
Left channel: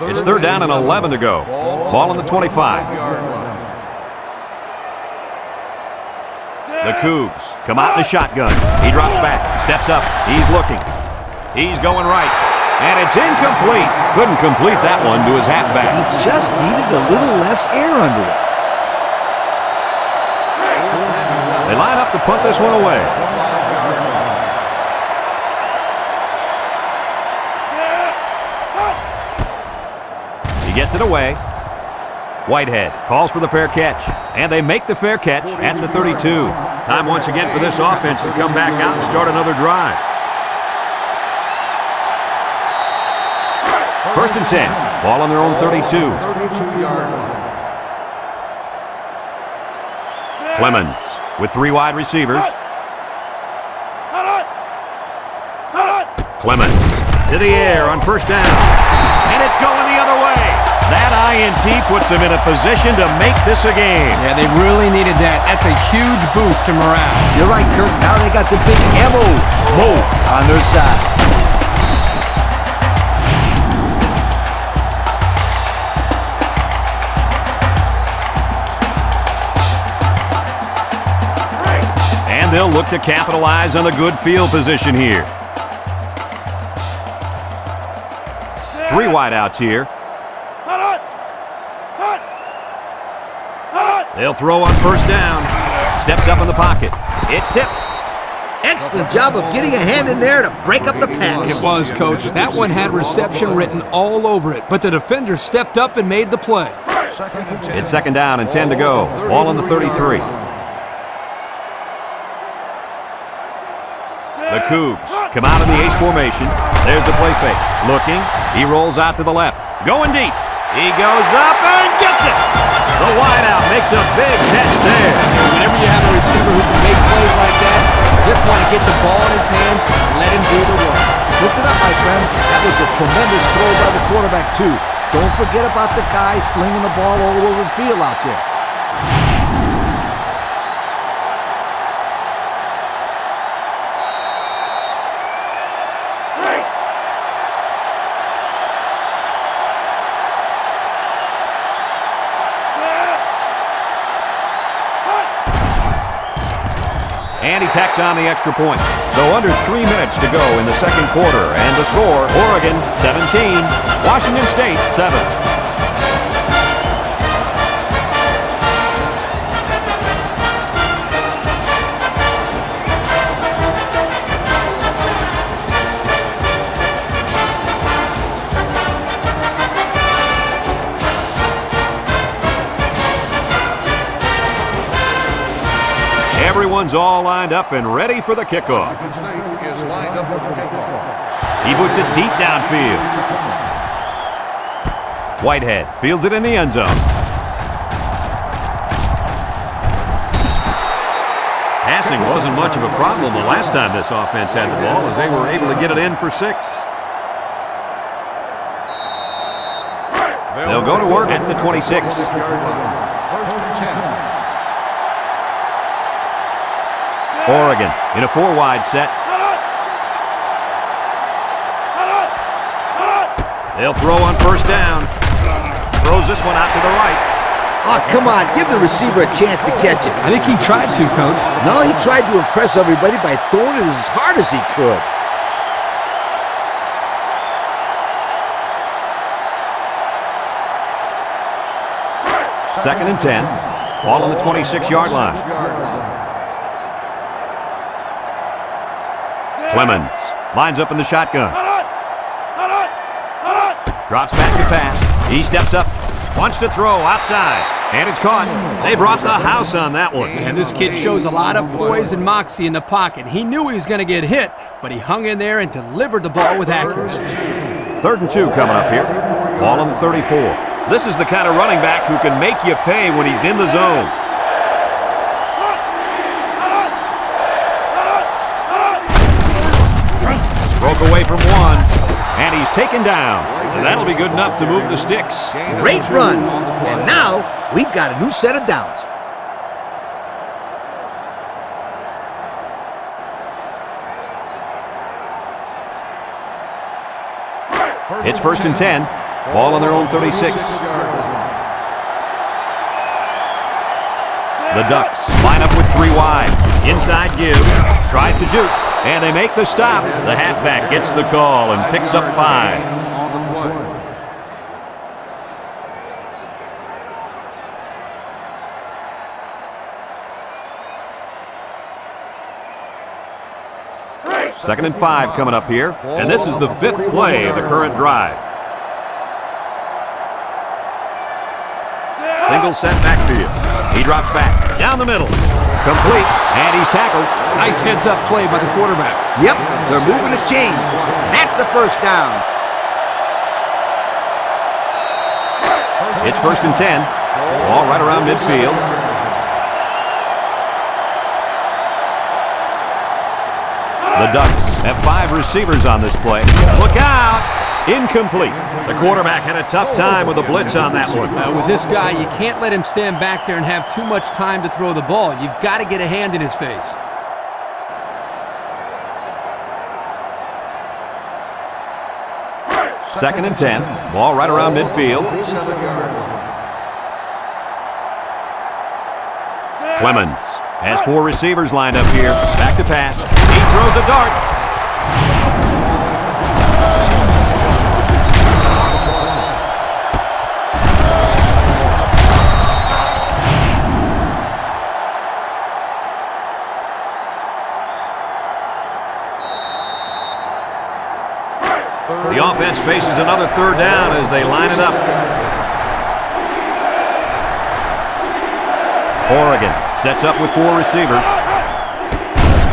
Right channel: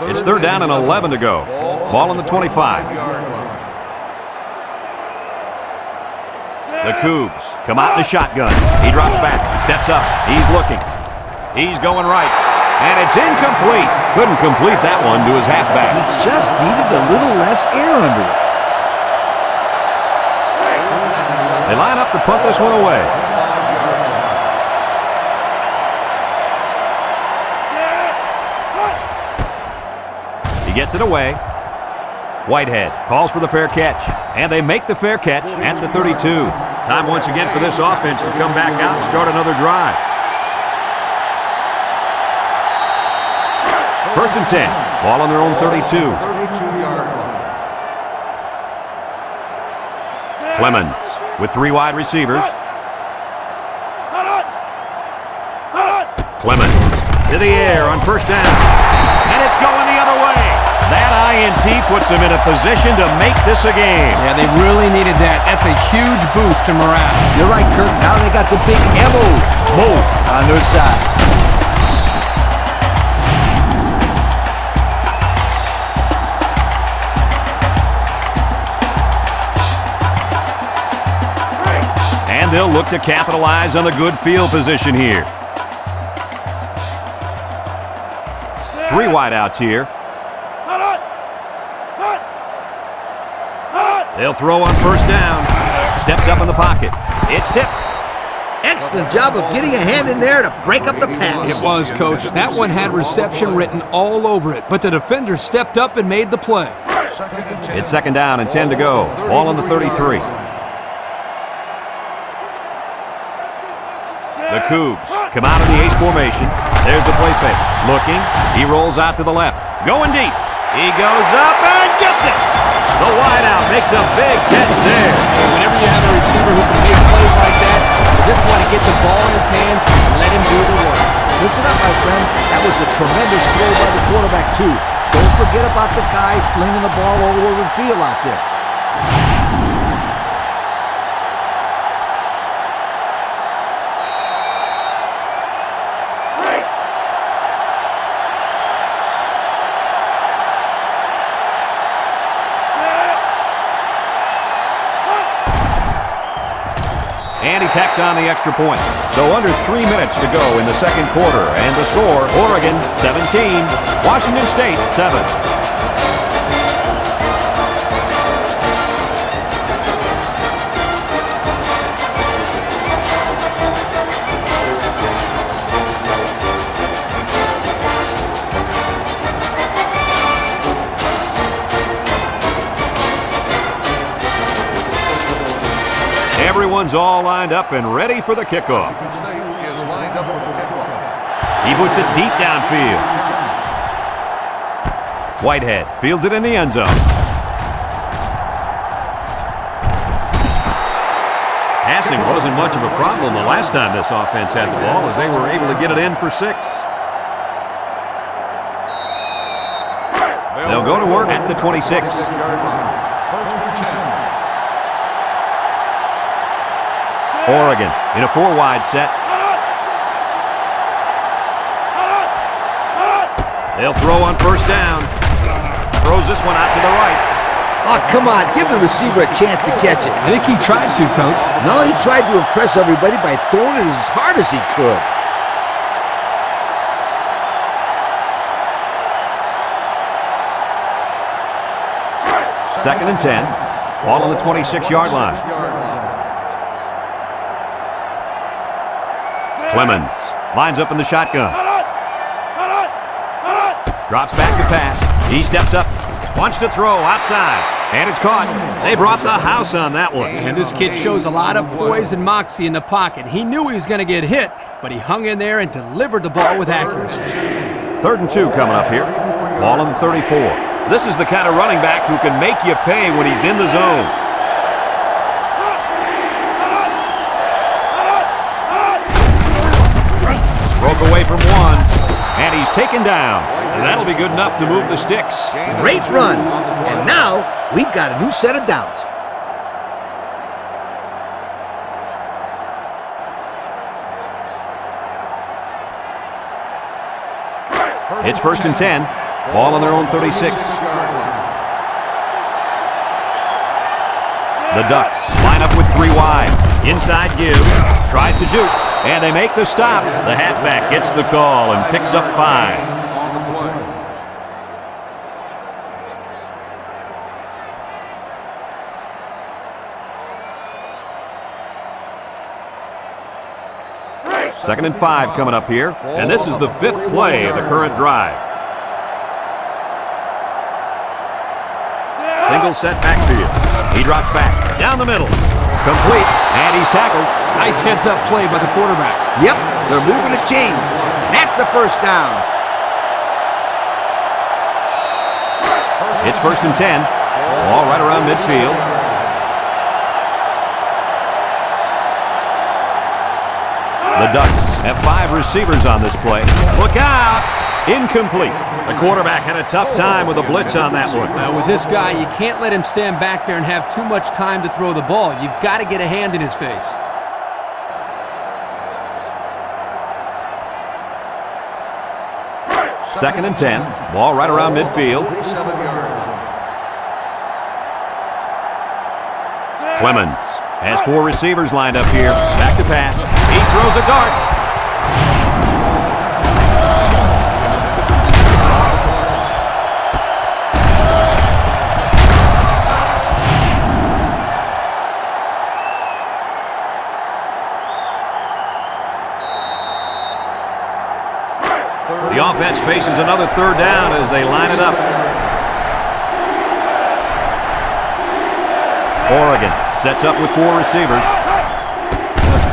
It's third down and 11 to go. Ball on the 25. The Cougs come out in the shotgun. He drops back, steps up. He's looking. He's going right. And it's incomplete. Couldn't complete that one to his halfback. He just needed a little less air under it. They line up to punt this one away. He gets it away. Whitehead calls for the fair catch. And they make the fair catch at the 32. Time once again for this offense to come back out and start another drive. First and 10. Ball on their own 32. 32-yard line. Clemens with 3 wide receivers. Clemens to the air on first down. And it's going the other way. That INT puts them in a position to make this a game. Yeah, they really needed that. That's a huge boost to morale. You're right, Kirk. Now they got the big Mo on their side. And they'll look to capitalize on the good field position here. 3 wideouts here. They'll throw on first down. Steps up in the pocket. It's tipped. Excellent job of getting a hand in there to break up the pass. It was, Coach. That one had reception written all over it, but the defender stepped up and made the play. It's second down and 10 to go. Ball on the 33. The Cougs come out in the ace formation. There's the play fake. Looking. He rolls out to the left. Going deep. He goes up and gets it. The wideout makes a big catch there. Hey, whenever you have a receiver who can make plays like that, you just want to get the ball in his hands and let him do the work. Listen up, my friend. That was a tremendous throw by the quarterback, too. Don't forget about the guy slinging the ball all over the field out there. And he tacks on the extra point. So under 3 minutes to go in the second quarter. And the score, Oregon 17, Washington State 7. Everyone's all lined up and ready for the kickoff. Washington State is lined up for the kickoff. He boots it deep downfield. Whitehead fields it in the end zone. Passing wasn't much of a problem the last time this offense had the ball, as they were able to get it in for 6. They'll go to work at the 26. 26-yard line. First and 10. Oregon in a 4-wide set. They'll throw on first down. Throws this one out to the right. Oh, come on. Give the receiver a chance to catch it. I think he tried to, Coach. No, he tried to impress everybody by throwing it as hard as he could. Second and 10. Ball on the 26-yard line. Clemens lines up in the shotgun. Drops back to pass. He steps up. Wants to throw outside. And it's caught. They brought the house on that one. And this kid shows a lot of poise and moxie in the pocket. He knew he was going to get hit, but he hung in there and delivered the ball with accuracy. 3rd and 2 coming up here. Ball on the 34. This is the kind of running back who can make you pay when he's in the zone. Broke away from one, and he's taken down. And that'll be good enough to move the sticks. Great run. And now we've got a new set of downs. It's 1st and 10. Ball on their own 36. The Ducks line up with 3 wide. Inside give. Tries to shoot. And they make the stop. The halfback gets the call and picks up 5. On the play. Second and 5 coming up here. And this is the 5th play of the current drive. Single set backfield. He drops back. Down the middle. Complete. And he's tackled. Nice heads-up play by the quarterback. Yep, they're moving the chains. And that's the first down. It's 1st and 10. Ball right around midfield. The Ducks have 5 receivers on this play. Look out! Incomplete. The quarterback had a tough time with a blitz on that one. With this guy, you can't let him stand back there and have too much time to throw the ball. You've got to get a hand in his face. Second and 10. Ball right around midfield. 47-yard line. Clemens has 4 receivers lined up here. Back to pass. He throws a dart. The offense faces another 3rd down as they line it up. Oregon sets up with 4 receivers.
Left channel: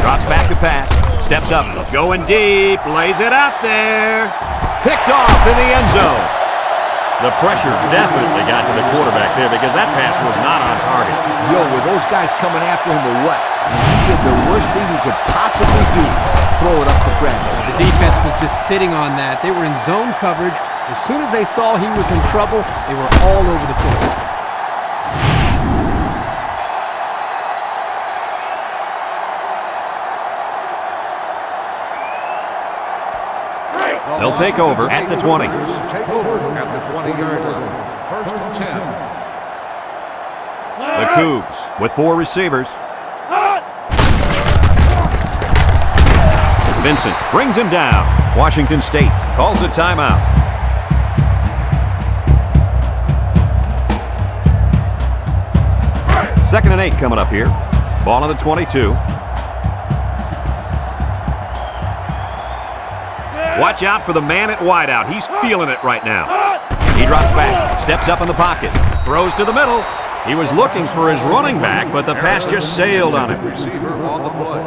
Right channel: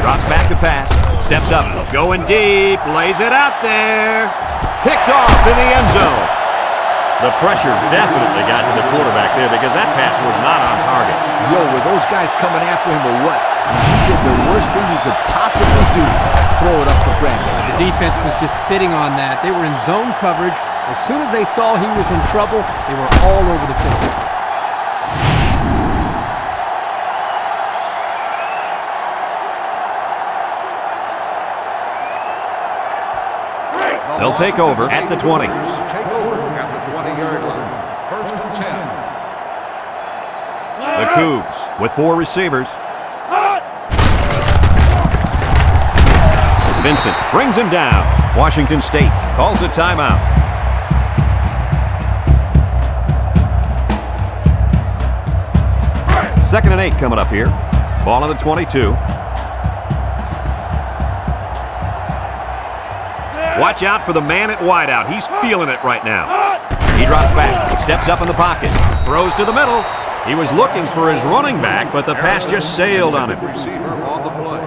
Drops back to pass. Steps up. Going deep. Lays it out there. Picked off in the end zone. The pressure definitely got to the quarterback there because that pass was not on target. Yo, were those guys coming after him or what? He did the worst thing he could possibly do. Throw it up the grabs. The defense was just sitting on that. They were in zone coverage. As soon as they saw he was in trouble, they were all over the field. They'll take over at the 20. Take over at the 20-yard line. 1st and 10. The Cougs with 4 receivers. Vincent brings him down. Washington State calls a timeout. Second and 8 coming up here. Ball on the 22. Watch out for the man at wideout. He's feeling it right now. He drops back, steps up in the pocket, throws to the middle. He was looking for his running back, but the pass just sailed on him. Receiver on the play.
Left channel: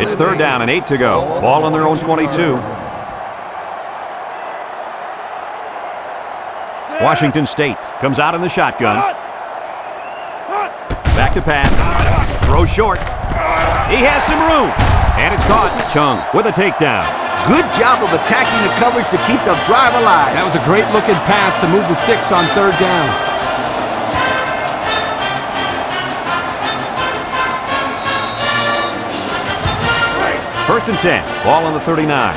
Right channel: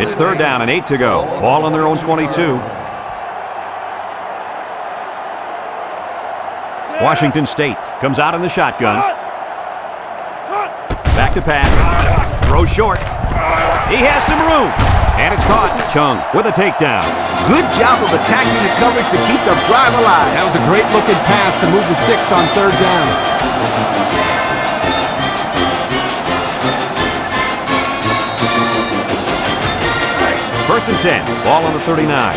It's 3rd down and 8 to go. Ball on their own 22. Washington State comes out in the shotgun. Back to pass. Throw short. He has some room. And it's caught. Chung with a takedown. Good job of attacking the coverage to keep the drive alive. That was a great looking pass to move the sticks on 3rd down. First and 10. Ball on the 39.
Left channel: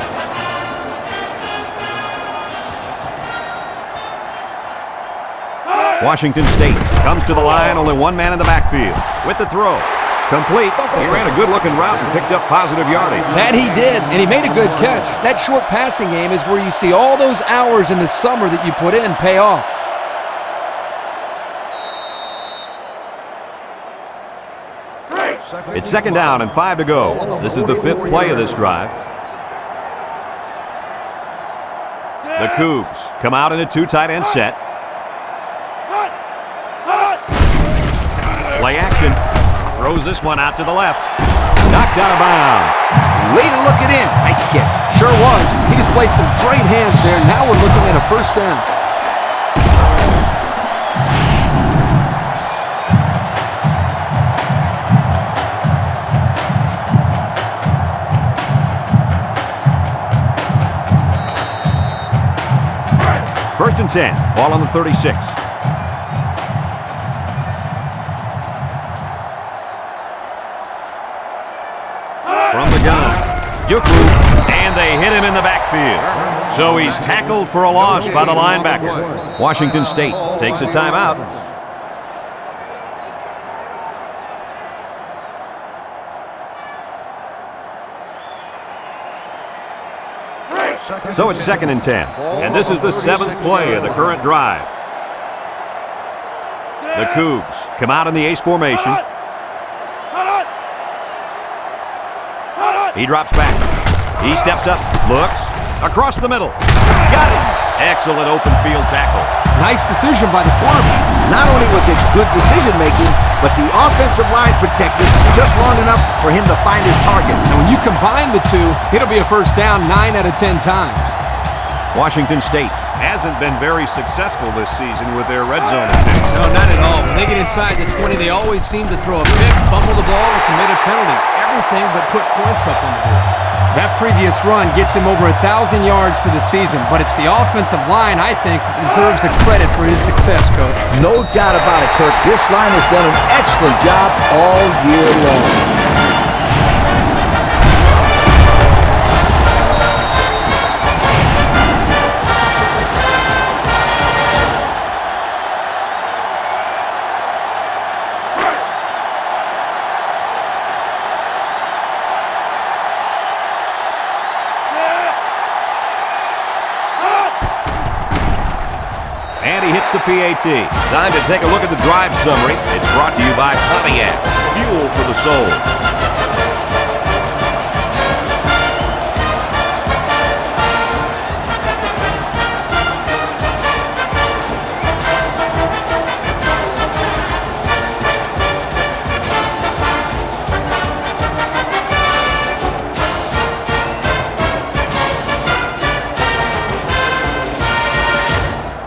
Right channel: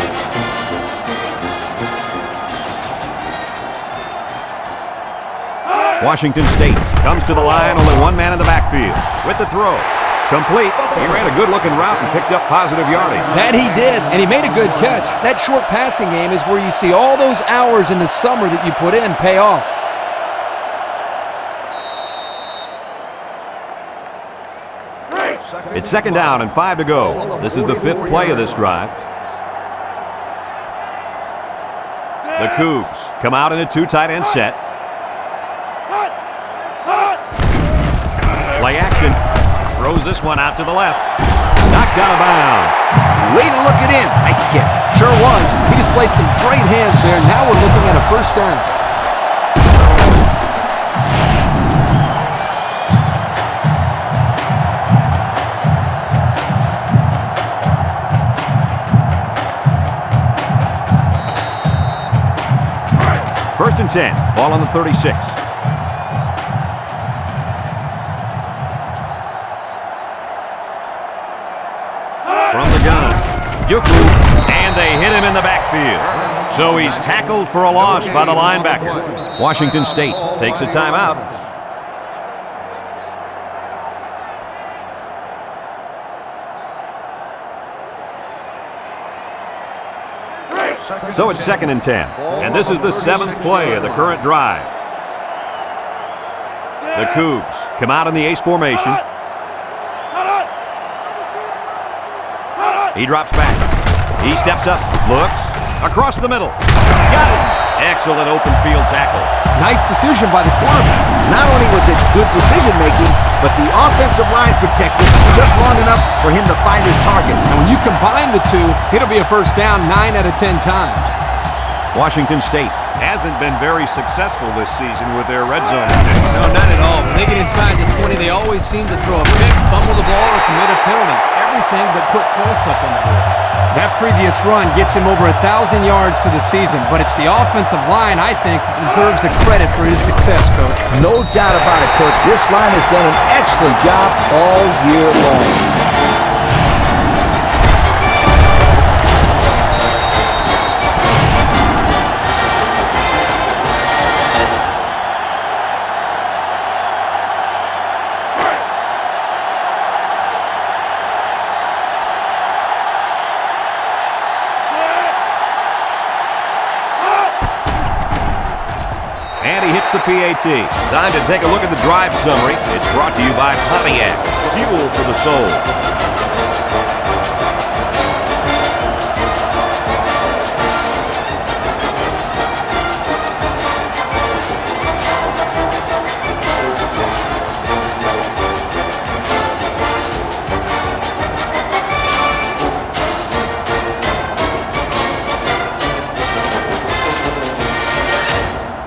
Washington State comes to the line, only one man in the backfield. With the throw. Complete. He ran a good-looking route and picked up positive yardage. That he did, and he made a good catch. That short passing game is where you see all those hours in the summer that you put in pay off. It's second down and 5 to go. This is the 5th play of this drive. The Cougs come out in a 2 tight end set. Play action. Throws this one out to the left. Knocked out of bounds. Way to look at him. Nice catch. Sure was. He displayed some great hands there. Now we're looking at a first down. First and 10. Ball on the 36. From the gun, Juku, and they hit him in the backfield. So he's tackled for a loss by the linebacker. Washington State takes a timeout. So it's second and 10, and this is the 7th play of the current drive. The Cougs come out in the ace formation. He drops back. He steps up, looks, across the middle. Got it. Excellent open field tackle. Nice decision by the quarterback. Not only was it good decision-making, but the offensive line protected just long enough for him to find his target. And when you combine the two, it'll be a first down 9 out of 10 times. Washington State hasn't been very successful this season with their red zone attempts. No, not at all. When they get inside the 20, they always seem to throw a pick, fumble the ball, or commit a penalty. Everything but put points up on the board. That previous run gets him over 1,000 yards for the season, but it's the offensive line, I think, that deserves the credit for his success, Coach. No doubt about it, Kirk. This line has done an excellent job all year long. And he hits the PAT. Time to take a look at the drive summary. It's brought to you by Pontiac. Fuel for the soul.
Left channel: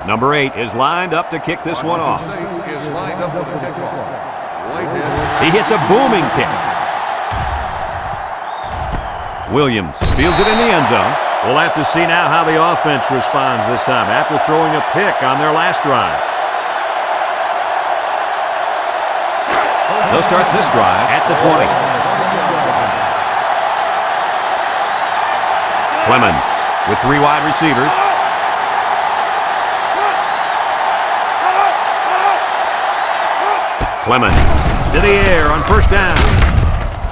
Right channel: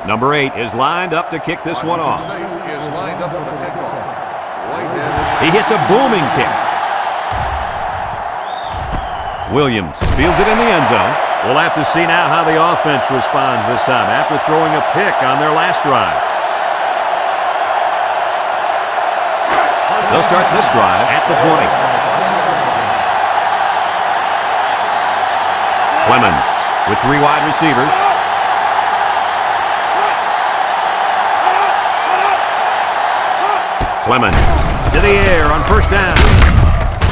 Number 8 is lined up to kick this one off. Is lined up for the kickoff. Whitehead. He hits a booming kick. Williams fields it in the end zone. We'll have to see now how the offense responds this time after throwing a pick on their last drive. They'll start this drive at the 20. Clemens with 3 wide receivers. Clemens to the air on first down.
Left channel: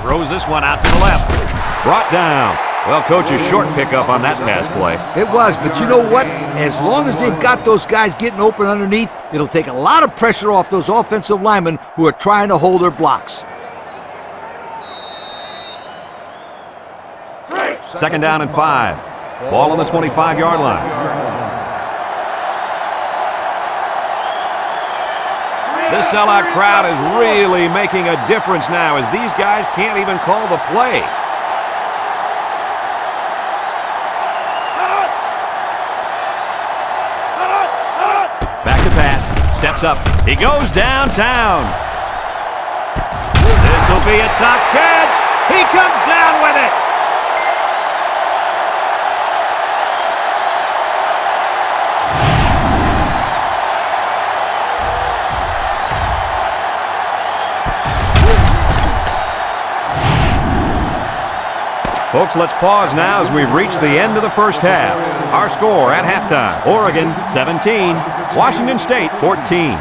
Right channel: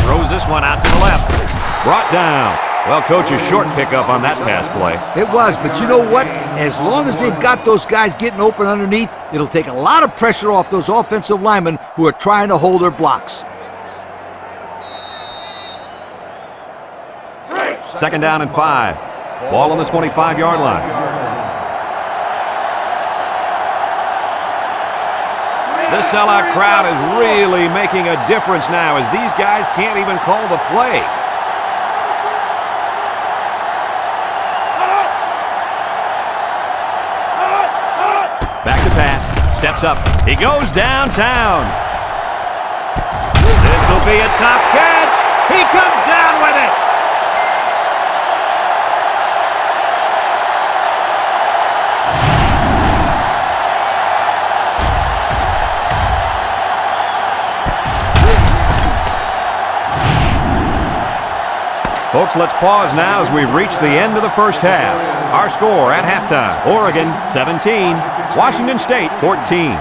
Throws this one out to the left. Brought down. Well, Coach, a short pickup on that pass play. It was, but you know what? As long as they've got those guys getting open underneath, it'll take a lot of pressure off those offensive linemen who are trying to hold their blocks. Second down and 5. Ball on the 25-yard line. This sellout crowd is really making a difference now as these guys can't even call the play. Back to pass. Steps up. He goes downtown. This will be a top catch. He comes down with it. Folks, let's pause now as we've reached the end of the first half. Our score at halftime, Oregon 17, Washington State 14.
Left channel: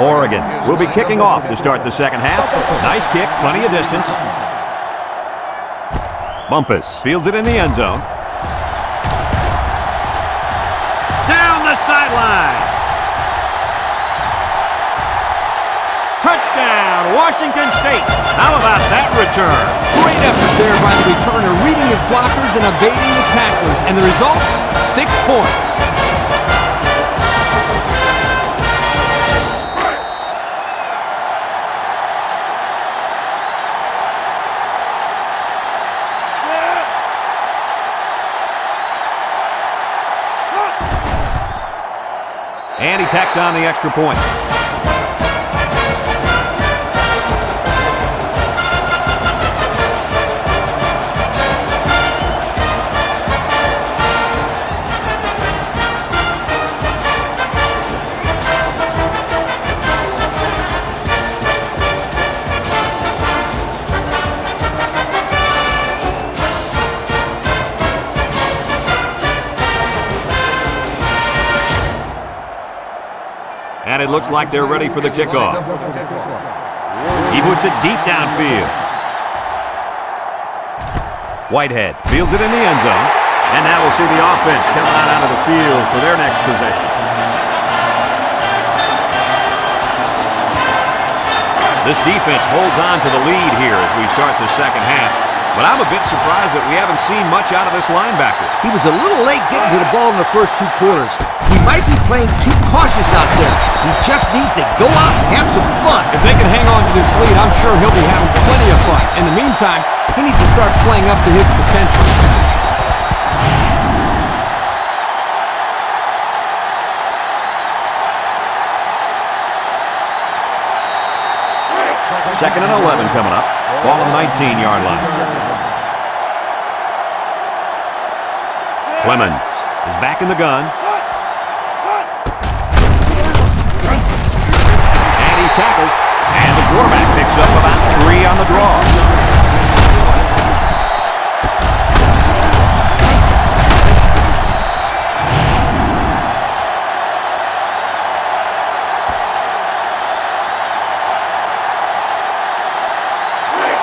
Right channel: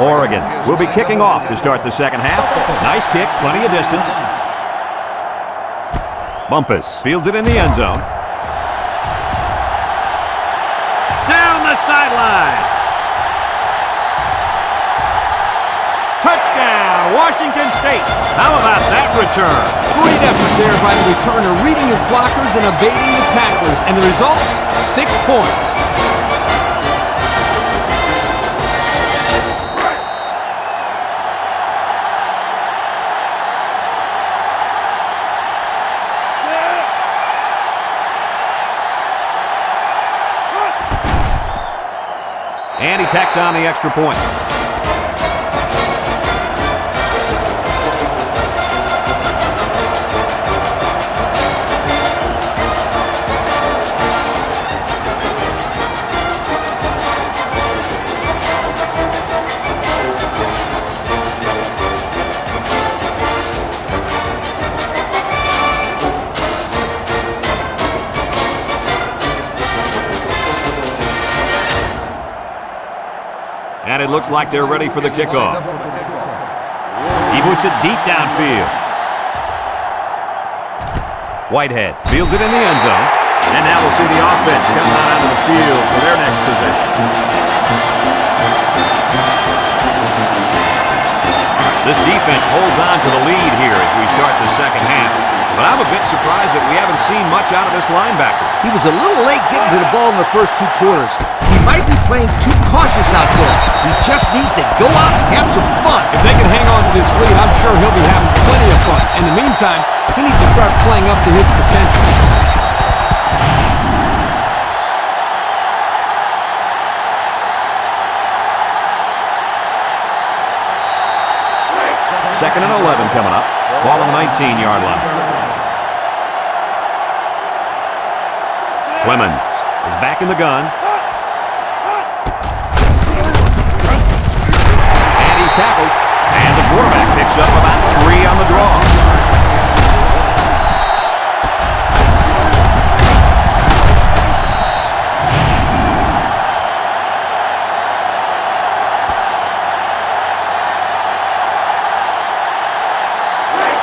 Oregon will be kicking off to start the second half. Nice kick, plenty of distance. Bumpus fields it in the end zone. Down the sideline. Touchdown, Washington State. How about that return? Great effort there by the returner, reading his blockers and evading the tacklers. And the results? 6 points. And he tacks on the extra point. And it looks like they're ready for the kickoff. He puts it deep downfield. Whitehead fields it in the end zone. And now we'll see the offense coming out onto the field for their next possession. This defense holds on to the lead here as we start the second half. But I'm a bit surprised that we haven't seen much out of this linebacker. He was a little late getting to the ball in the first 2 quarters. He might be playing too cautious out there. He just needs to go out and have some fun. If they can hang on to this lead, I'm sure he'll be having plenty of fun. In the meantime, he needs to start playing up to his potential. Second and 11 coming up. Ball on the 19-yard line. Clemens is back in the gun. And he's tackled. And the quarterback picks up about 3 on the draw.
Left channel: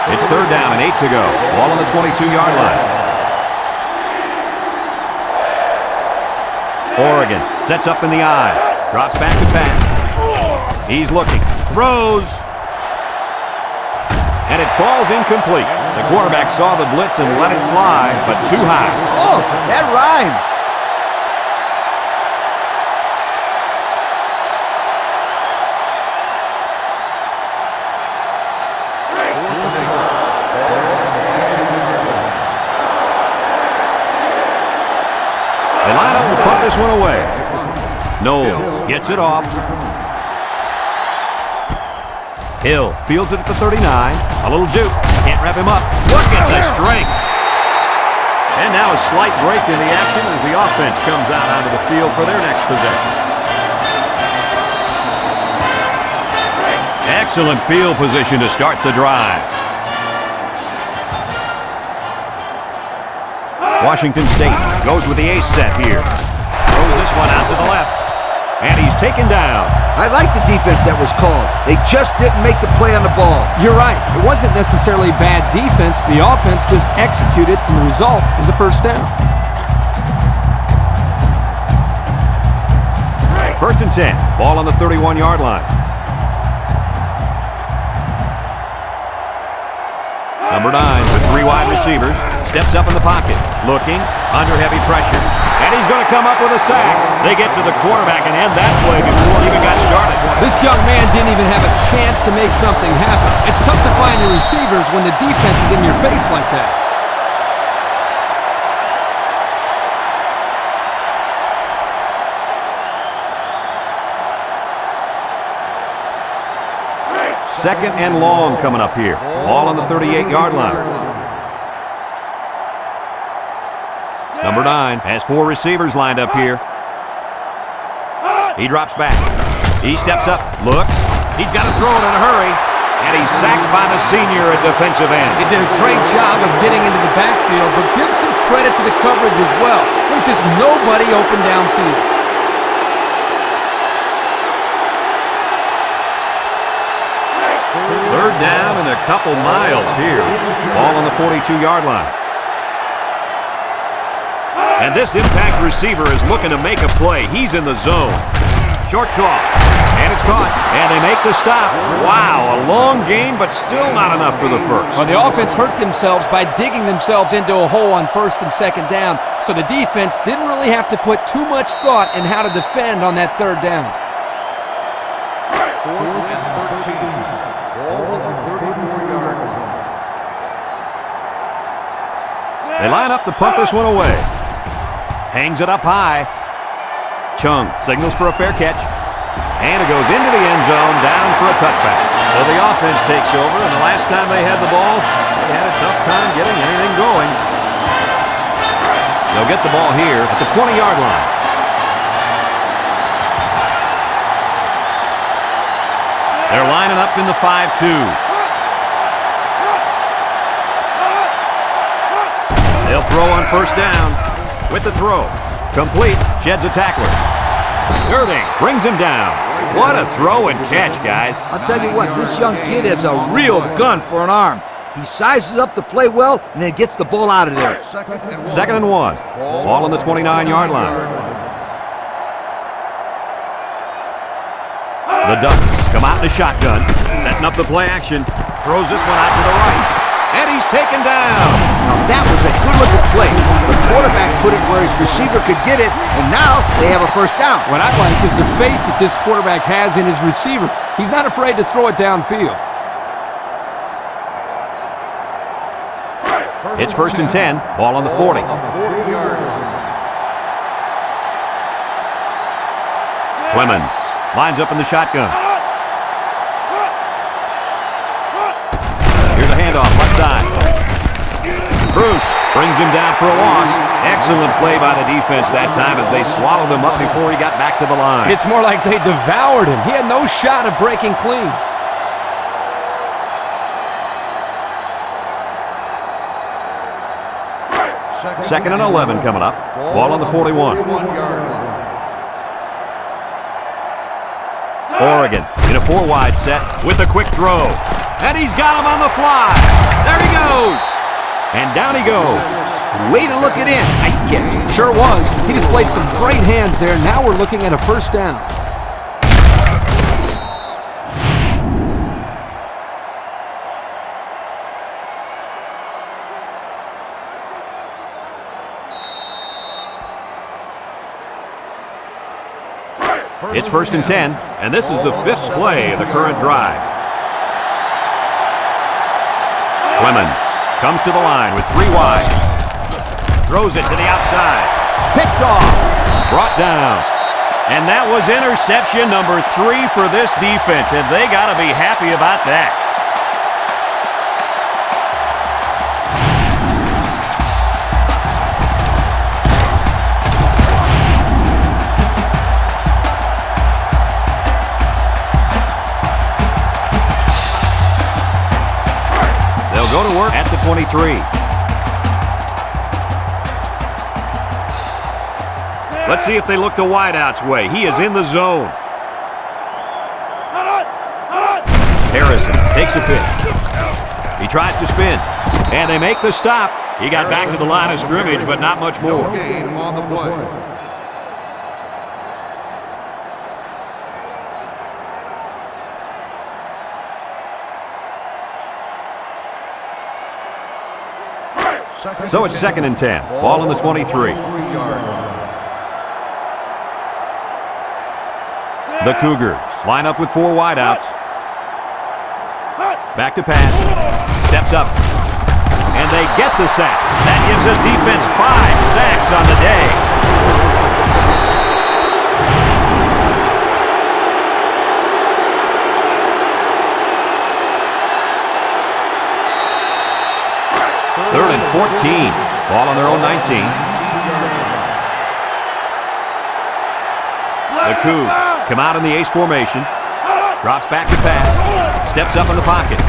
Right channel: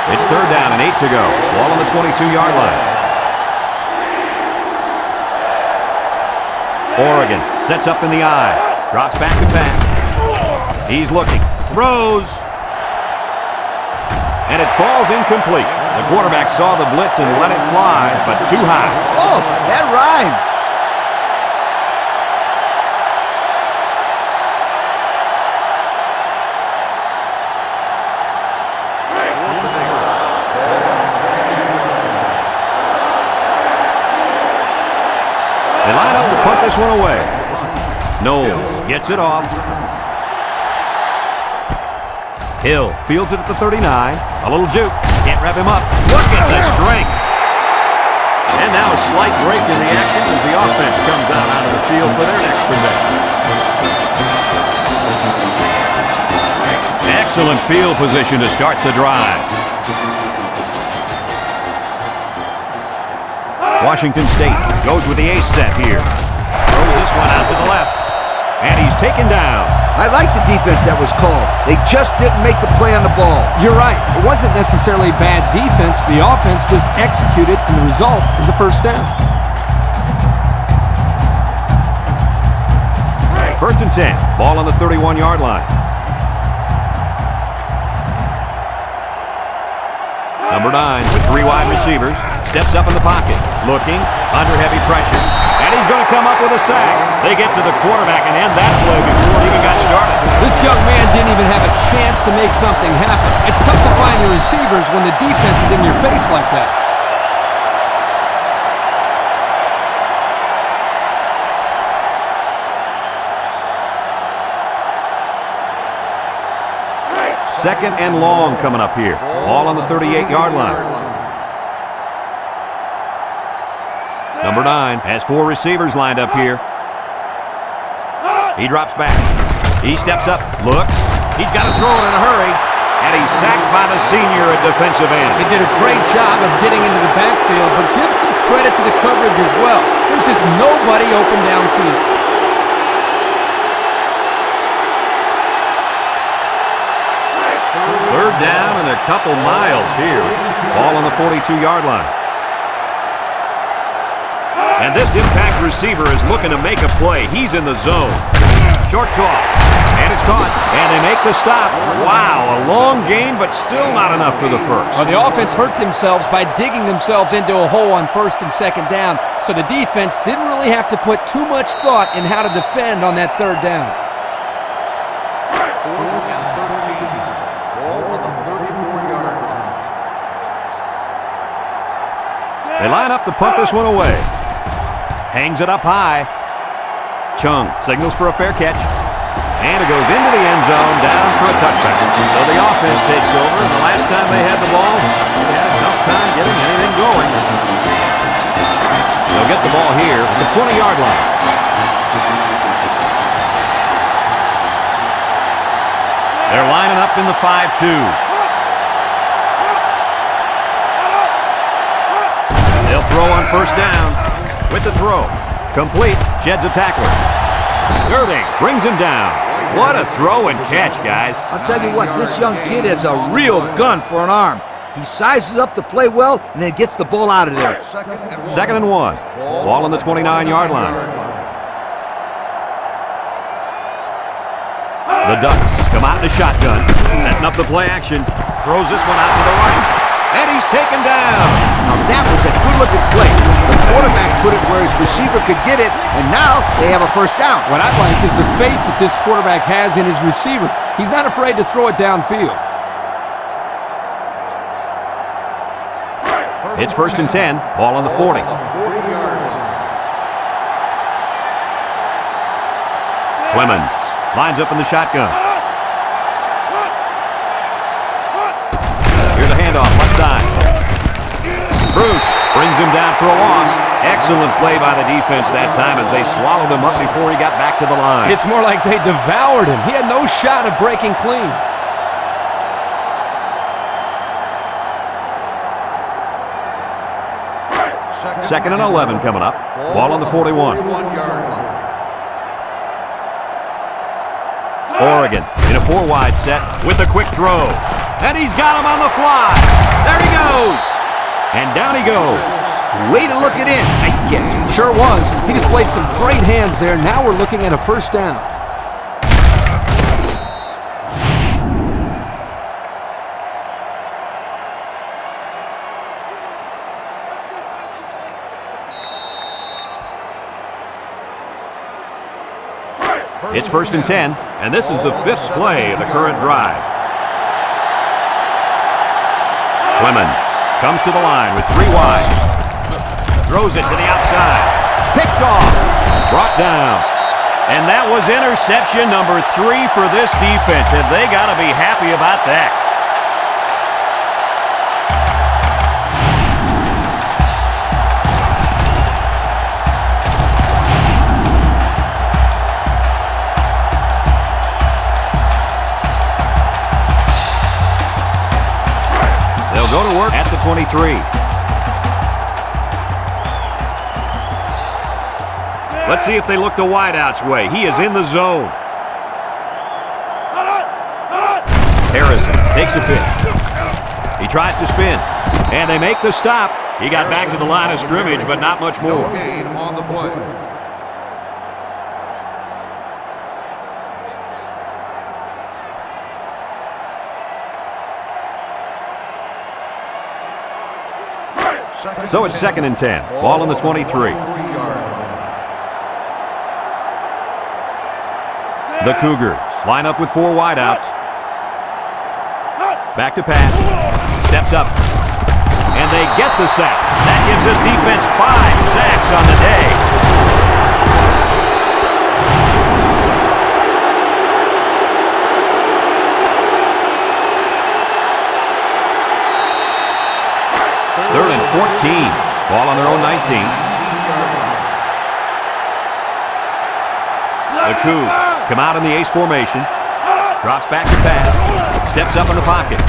It's 3rd down and 8 to go. Ball on the 22-yard line. Oregon sets up in the I. Drops back to pass. He's looking. Throws. And it falls incomplete. The quarterback saw the blitz and let it fly, but too high. Oh, that rhymes. They line up to punt this one away. Knowles gets it off. Hill fields it at the 39. A little juke. Can't wrap him up. Look at the strength. And now a slight break in the action as the offense comes out onto the field for their next possession. Excellent field position to start the drive. Washington State goes with the ace set here. Throws this one out to the left. And he's taken down. I like the defense that was called. They just didn't make the play on the ball. You're right. It wasn't necessarily bad defense. The offense just executed, and the result is a first down. 1st and 10. Ball on the 31-yard line. Number 9 with 3 wide receivers. Steps up in the pocket. Looking. Under heavy pressure. And he's going to come up with a sack. They get to the quarterback and end that play before it even got started. This young man didn't even have a chance to make something happen. It's tough to find your receivers when the defense is in your face like that. 2nd and long coming up here. Ball on the 38-yard line. Number 9 has 4 receivers lined up here. He drops back. He steps up, looks. He's got to throw it in a hurry. And he's sacked by the senior at defensive end. He did a great job of getting into the backfield, but give some credit to the coverage as well. There was just nobody open downfield. Third down and a couple miles here. Ball on the 42-yard line. And this impact receiver is looking to make a play. He's in the zone. Short toss. And it's caught. And they make the stop. Wow, a long gain, but still not enough for the first. Well, the offense hurt themselves by digging themselves into a hole on 1st and 2nd down, so the defense didn't really have to put too much thought in how to defend on that 3rd down. 4th and 13. Ball on the 34-yard line. They line up to punt this one away. Hangs it up high. Chung signals for a fair catch. And it goes into the end zone, down for a touchback. So the offense takes over, and the last time they had the ball, they had a tough time getting anything going. They'll get the ball here at the 20-yard line. They're lining up in the 5-2. They'll throw on 1st down with the throw. Complete, sheds a tackler. Girding brings him down. What a throw and catch, guys. I'll tell you what, this young kid has a real gun for an arm. He sizes up to play well and then gets the ball out of there. 2nd and 1. Ball on the 29-yard line. The Ducks come out in the shotgun, setting up the play action. Throws this one out to the right. And he's taken down. Now that was a good-looking play. The quarterback put it where his receiver could get it, and now they have a 1st down. What I like is the faith that this quarterback has in his receiver. He's not afraid to throw it downfield. It's 1st and 10. Ball on the 40. 40-yard line. Clemens lines up in the shotgun. Here's a handoff, left side. Bruce brings him down for a loss. Excellent play by the defense that time as they swallowed him up before he got back to the line. It's more like they devoured him. He had no shot of breaking clean. Second and 11 coming up. Ball on the 41. 41-yard line. Oregon in a 4-wide set with a quick throw. And he's got him on the fly. There he goes. And down he goes. Way to look it in. Nice catch. Sure was. He displayed some great hands there. Now we're looking at a 1st down. It's 1st and 10, and this is the 5th play of the current drive. Clemens comes to the line with 3 wide. Throws it to the outside. Picked off. Brought down. And that was interception number 3 for this defense, and they got to be happy about that. They'll go to work at the 23. Let's see if they look the wideout's way. He is in the zone. Harrison takes a pitch. He tries to spin. And they make the stop. He got back to the line of scrimmage, but not much more. No gain on the play. So it's 2nd and 10. Ball on the 23. The Cougars line up with 4 wideouts. Back to pass. Steps up. And they get the sack. That gives this defense 5 sacks on the day. and 14. Ball on their own 19. 19-yard line. The Cougs come out in the ace formation. Drops back to pass. Steps up in the pocket.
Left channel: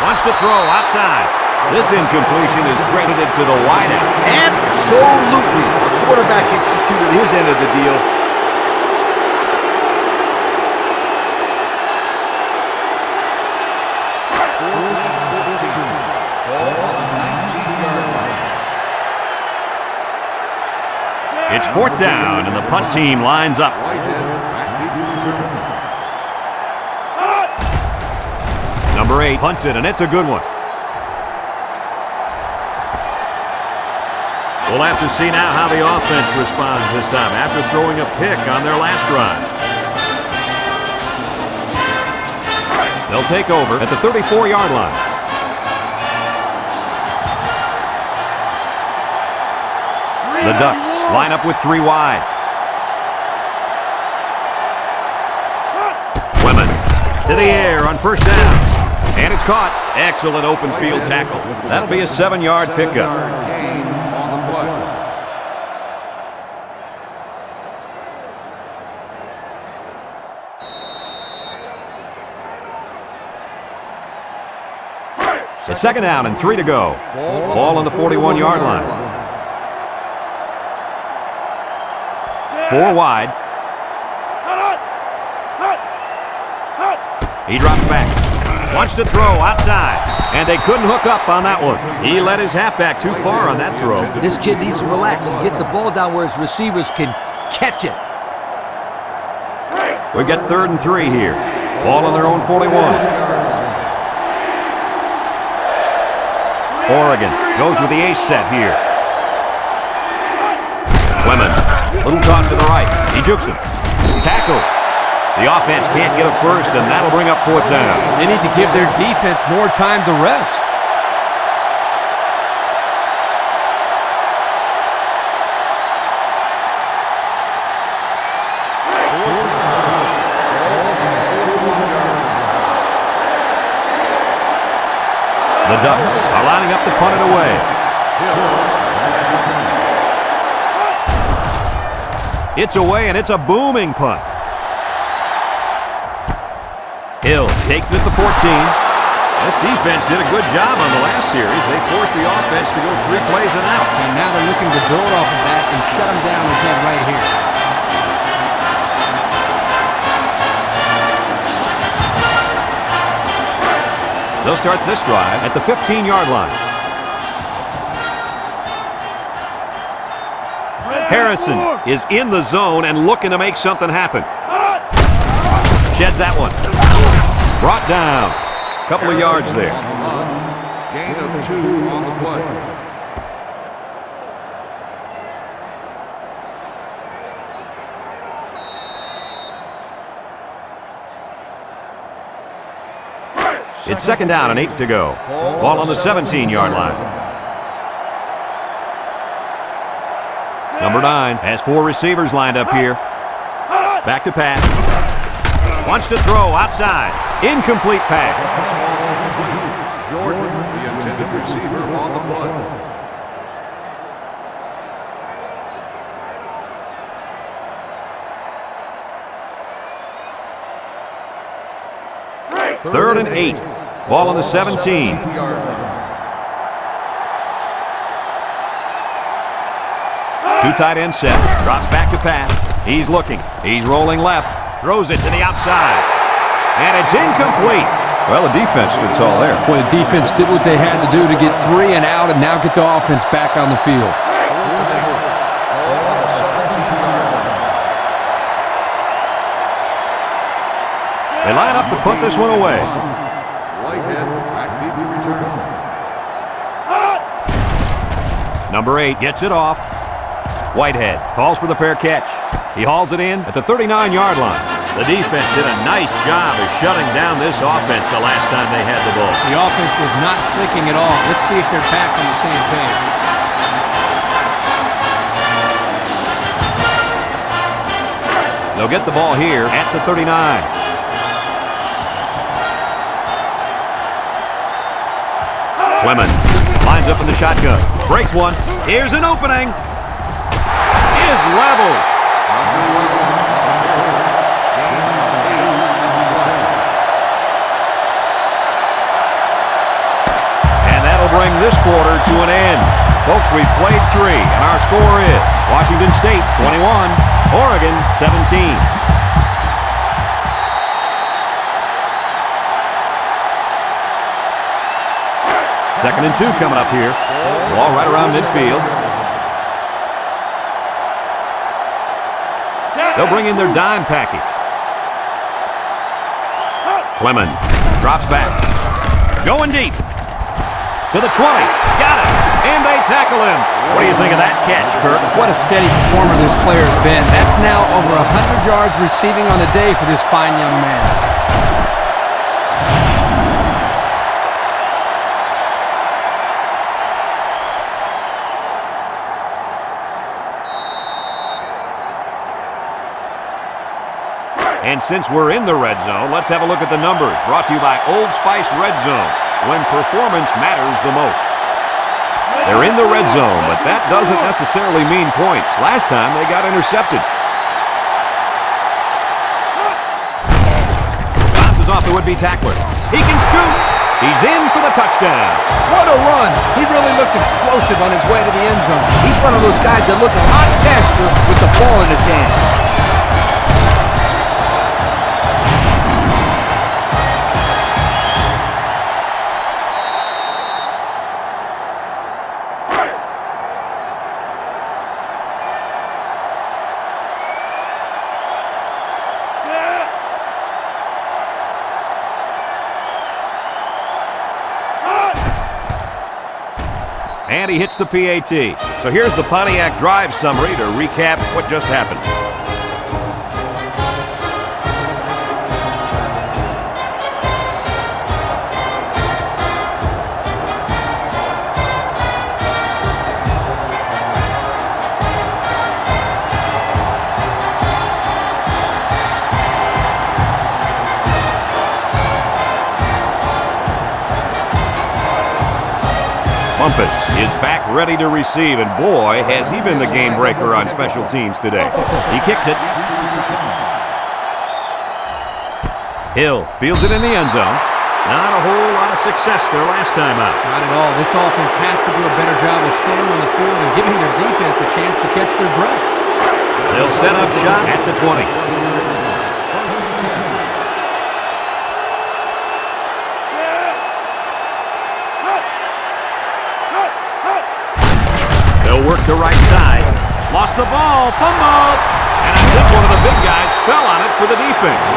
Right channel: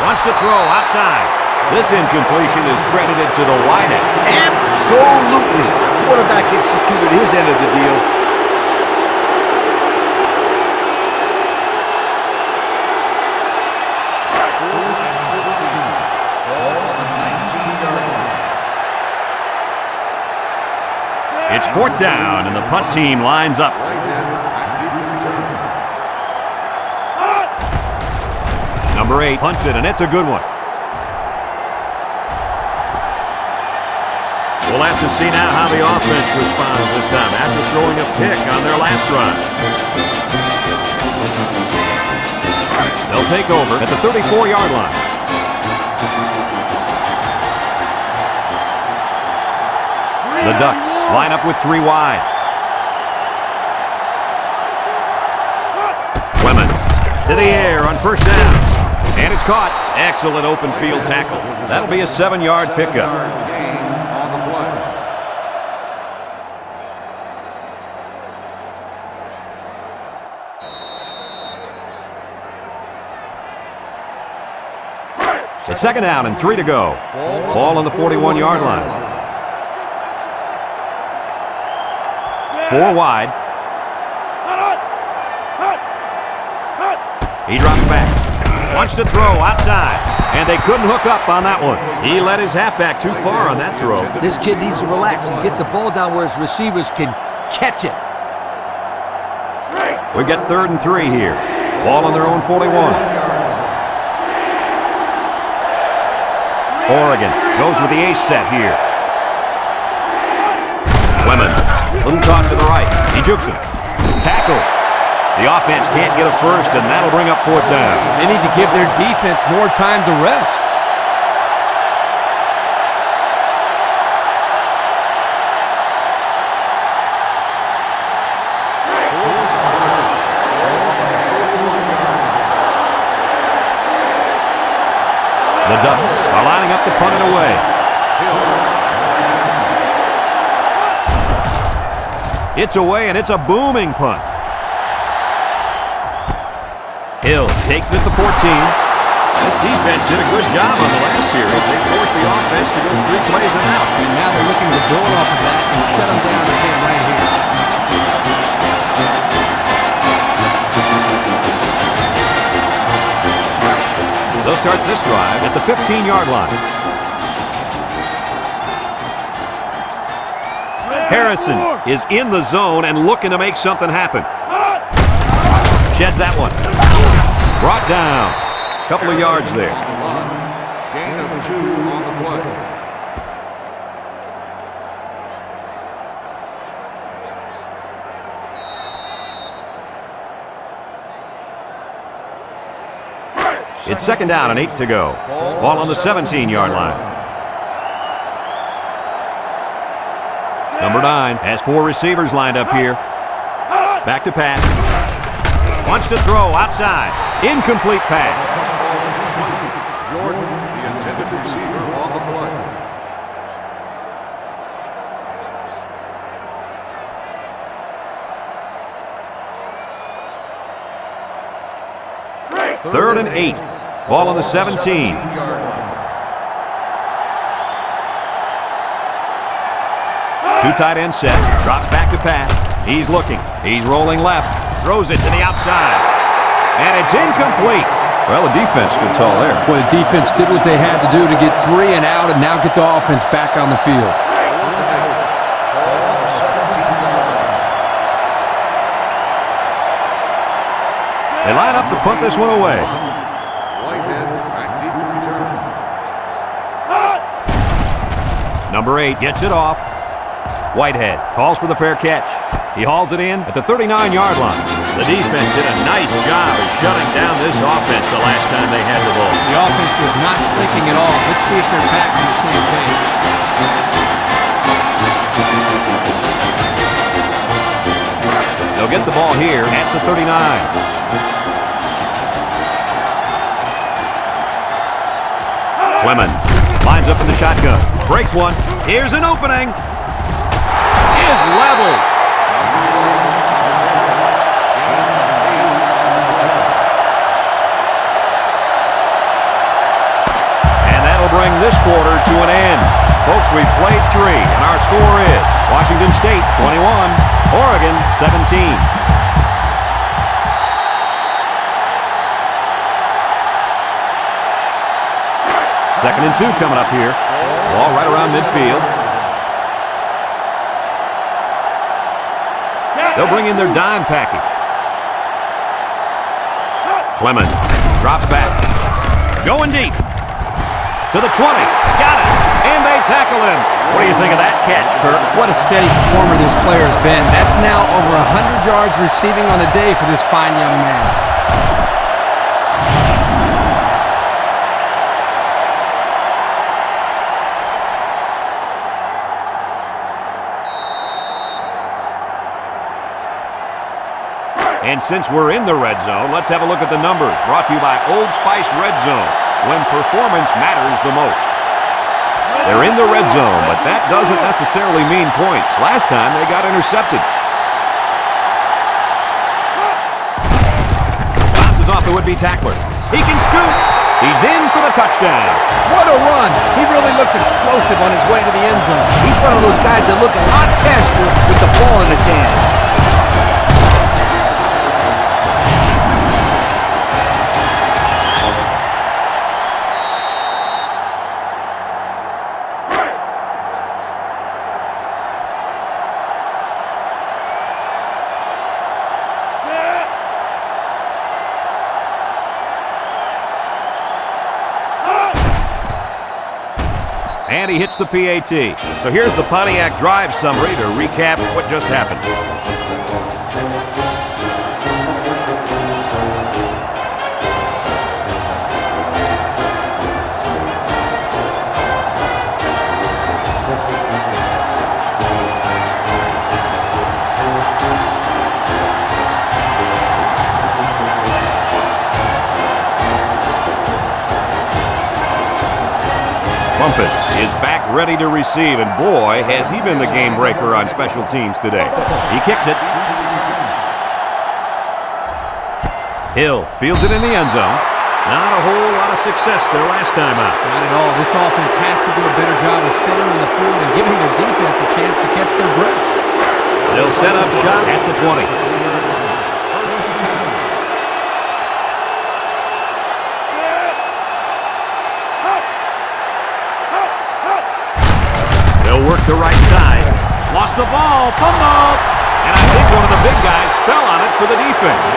Wants to throw outside. This incompletion is credited to the wideout. Absolutely. The quarterback executed his end of the deal. Fourth and 14. Ball on the 19-yard line. It's fourth down, and the punt team lines up. Whitehead back deep to return. Number 8 punts it, and it's a good one. We'll have to see now how the offense responds this time after throwing a pick on their last drive. They'll take over at the 34-yard line. The Ducks line up with 3 wide. Clemens to the air on first down. And it's caught. Excellent open field tackle. That'll be a 7-yard pickup. 7-yard gain on the play. It's second down and 3 to go. Ball on the 41-yard line. 4 wide. He drops back. Wants to throw outside. And they couldn't hook up on that one. He let his halfback too far on that throw. This kid needs to relax and get the ball down where his receivers can catch it. We've got 3rd and 3 here. Ball on their own 41. Oregon goes with the ace set here. Clemens, little toss to the right. He jukes him. Tackle. The offense can't get a first, and that'll bring up 4th down. They need to give their defense more time to rest. The Ducks are lining up to punt it away. It's away, and it's a booming punt. Hill takes it at the 14. This defense did a good job on the last series. They forced the offense to go 3 plays and out. And now they're looking to build off of that and shut them down again right here. They'll start this drive at the 15-yard line. Harrison is in the zone and looking to make something happen. Sheds that one. Brought down. Couple of yards there. On the run. Gain of 2 on the play. It's second down and 8 to go. Ball on the 17-yard line. Number 9 has 4 receivers lined up here. Back to pass. Wants to throw outside. Incomplete pass. This ball's incomplete. Jordan, the intended receiver, on the play. Third and 8. Ball on the 17. 17-yard line. 2 tight end set. Drops back to pass. He's looking. He's rolling left. Throws it to the outside. And it's incomplete. Well, the defense stood tall there. Well, the defense did what they had to do to get 3 and out and now get the offense back on the field. 4th and 8. Ball on the 17-yard line. They line up to punt this one away. Whitehead back deep to return. Number 8 gets it off. Whitehead calls for the fair catch. He hauls it in at the 39-yard line. The defense did a nice job of shutting down this offense the last time they had the ball. The offense was not clicking at all. Let's see if they're back on the same page. They'll get the ball here at the 39. Clemens Lines up in the shotgun. Breaks one. Here's an opening. Is leveled. Number 11 on the carry. Gain of 8 on the play. And that'll bring this quarter to an end. Folks, we've played 3, and our score is Washington State 21, Oregon 17. Second and 2 coming up here. Ball right around midfield. They'll bring in their dime package. Clemens drops back. Going deep. To the 20. Got it. And they tackle him. What do you think of that catch, Kirk? What a steady performer this player has been. That's now over 100 yards receiving on the day for this fine young man. And since we're in the red zone, let's have a look at the numbers. Brought to you by Old Spice Red Zone, when performance matters the most. They're in the red zone, but that doesn't necessarily mean points. Last time, they got intercepted. Bounces off the would-be tackler. He can scoop. He's in for the touchdown. What a run. He really looked explosive on his way to the end zone. He's one of those guys that look a lot faster with the ball in his hands. And he hits the PAT. So here's the Pontiac drive summary to recap what just happened. Bumpus is back ready to receive, and boy, has he been the game breaker on special teams today. He kicks it. Hill fields it in the end zone. Not a whole lot of success their last time out. Not at all. This offense has to do a better job of staying on the field and giving their defense a chance to catch their breath. They'll set up shop at the 20. 20-yard line. First and 10. They'll work the right side. Lost the ball. Fumble. And I think one of the big guys fell on it for the defense.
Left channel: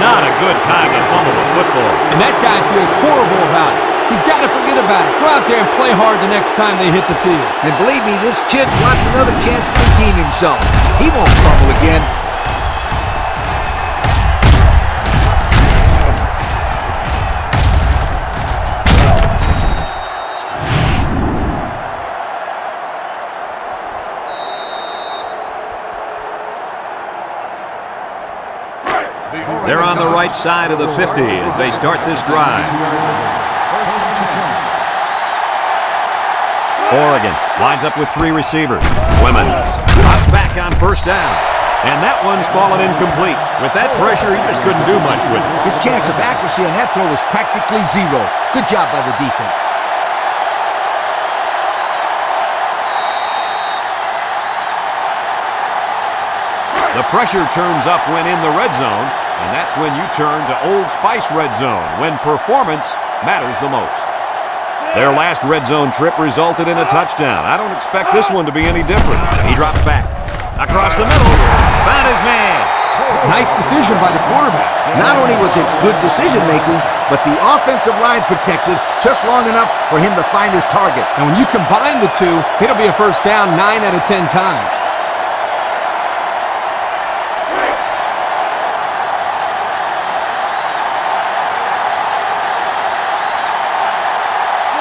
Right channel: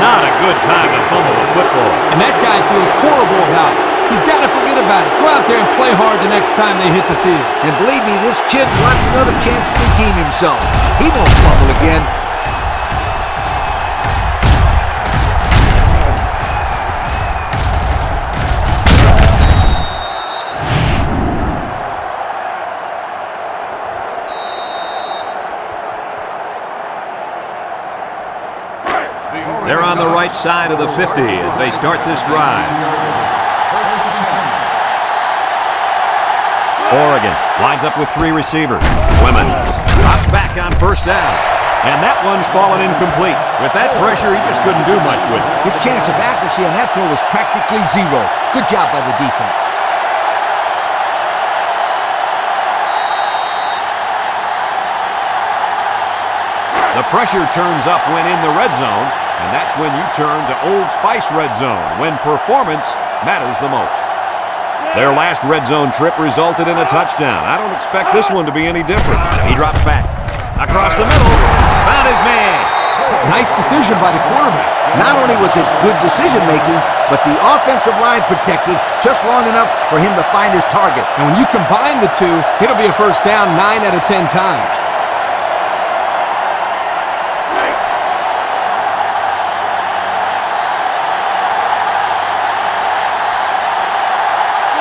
Not a good time to fumble the football. And that guy feels horrible about it. He's got to forget about it. Go out there and play hard the next time they hit the field. And believe me, this kid wants another chance to redeem himself. He won't fumble again. They're on the right side of the 50 as they start this drive. First and 10. Oregon lines up with 3 receivers. Clemens drops back on first down. And that one's fallen incomplete. With that pressure, he just couldn't do much with it. His chance of accuracy on that throw was practically zero. Good job by the defense. The pressure turns up when in the red zone, and that's when you turn to Old Spice Red Zone, when performance matters the most. Their last red zone trip resulted in a touchdown. I don't expect this one to be any different. He drops back. Across the middle. Found his man. Nice decision by the quarterback. Not only was it good decision-making, but the offensive line protected just long enough for him to find his target. And when you combine the two, it'll be a first down 9 out of 10 times.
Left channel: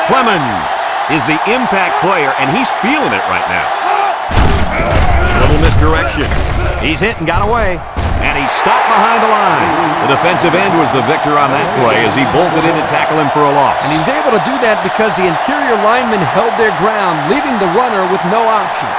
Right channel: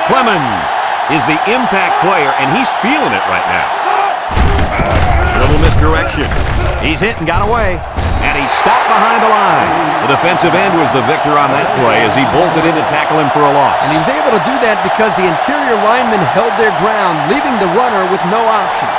Clemens is the impact player, and he's feeling it right now. A little misdirection. He's hit and got away. and he stopped behind the line. The defensive end was the victor on that play as he bolted in to tackle him for a loss. And he was able to do that because the interior linemen held their ground, leaving the runner with no options.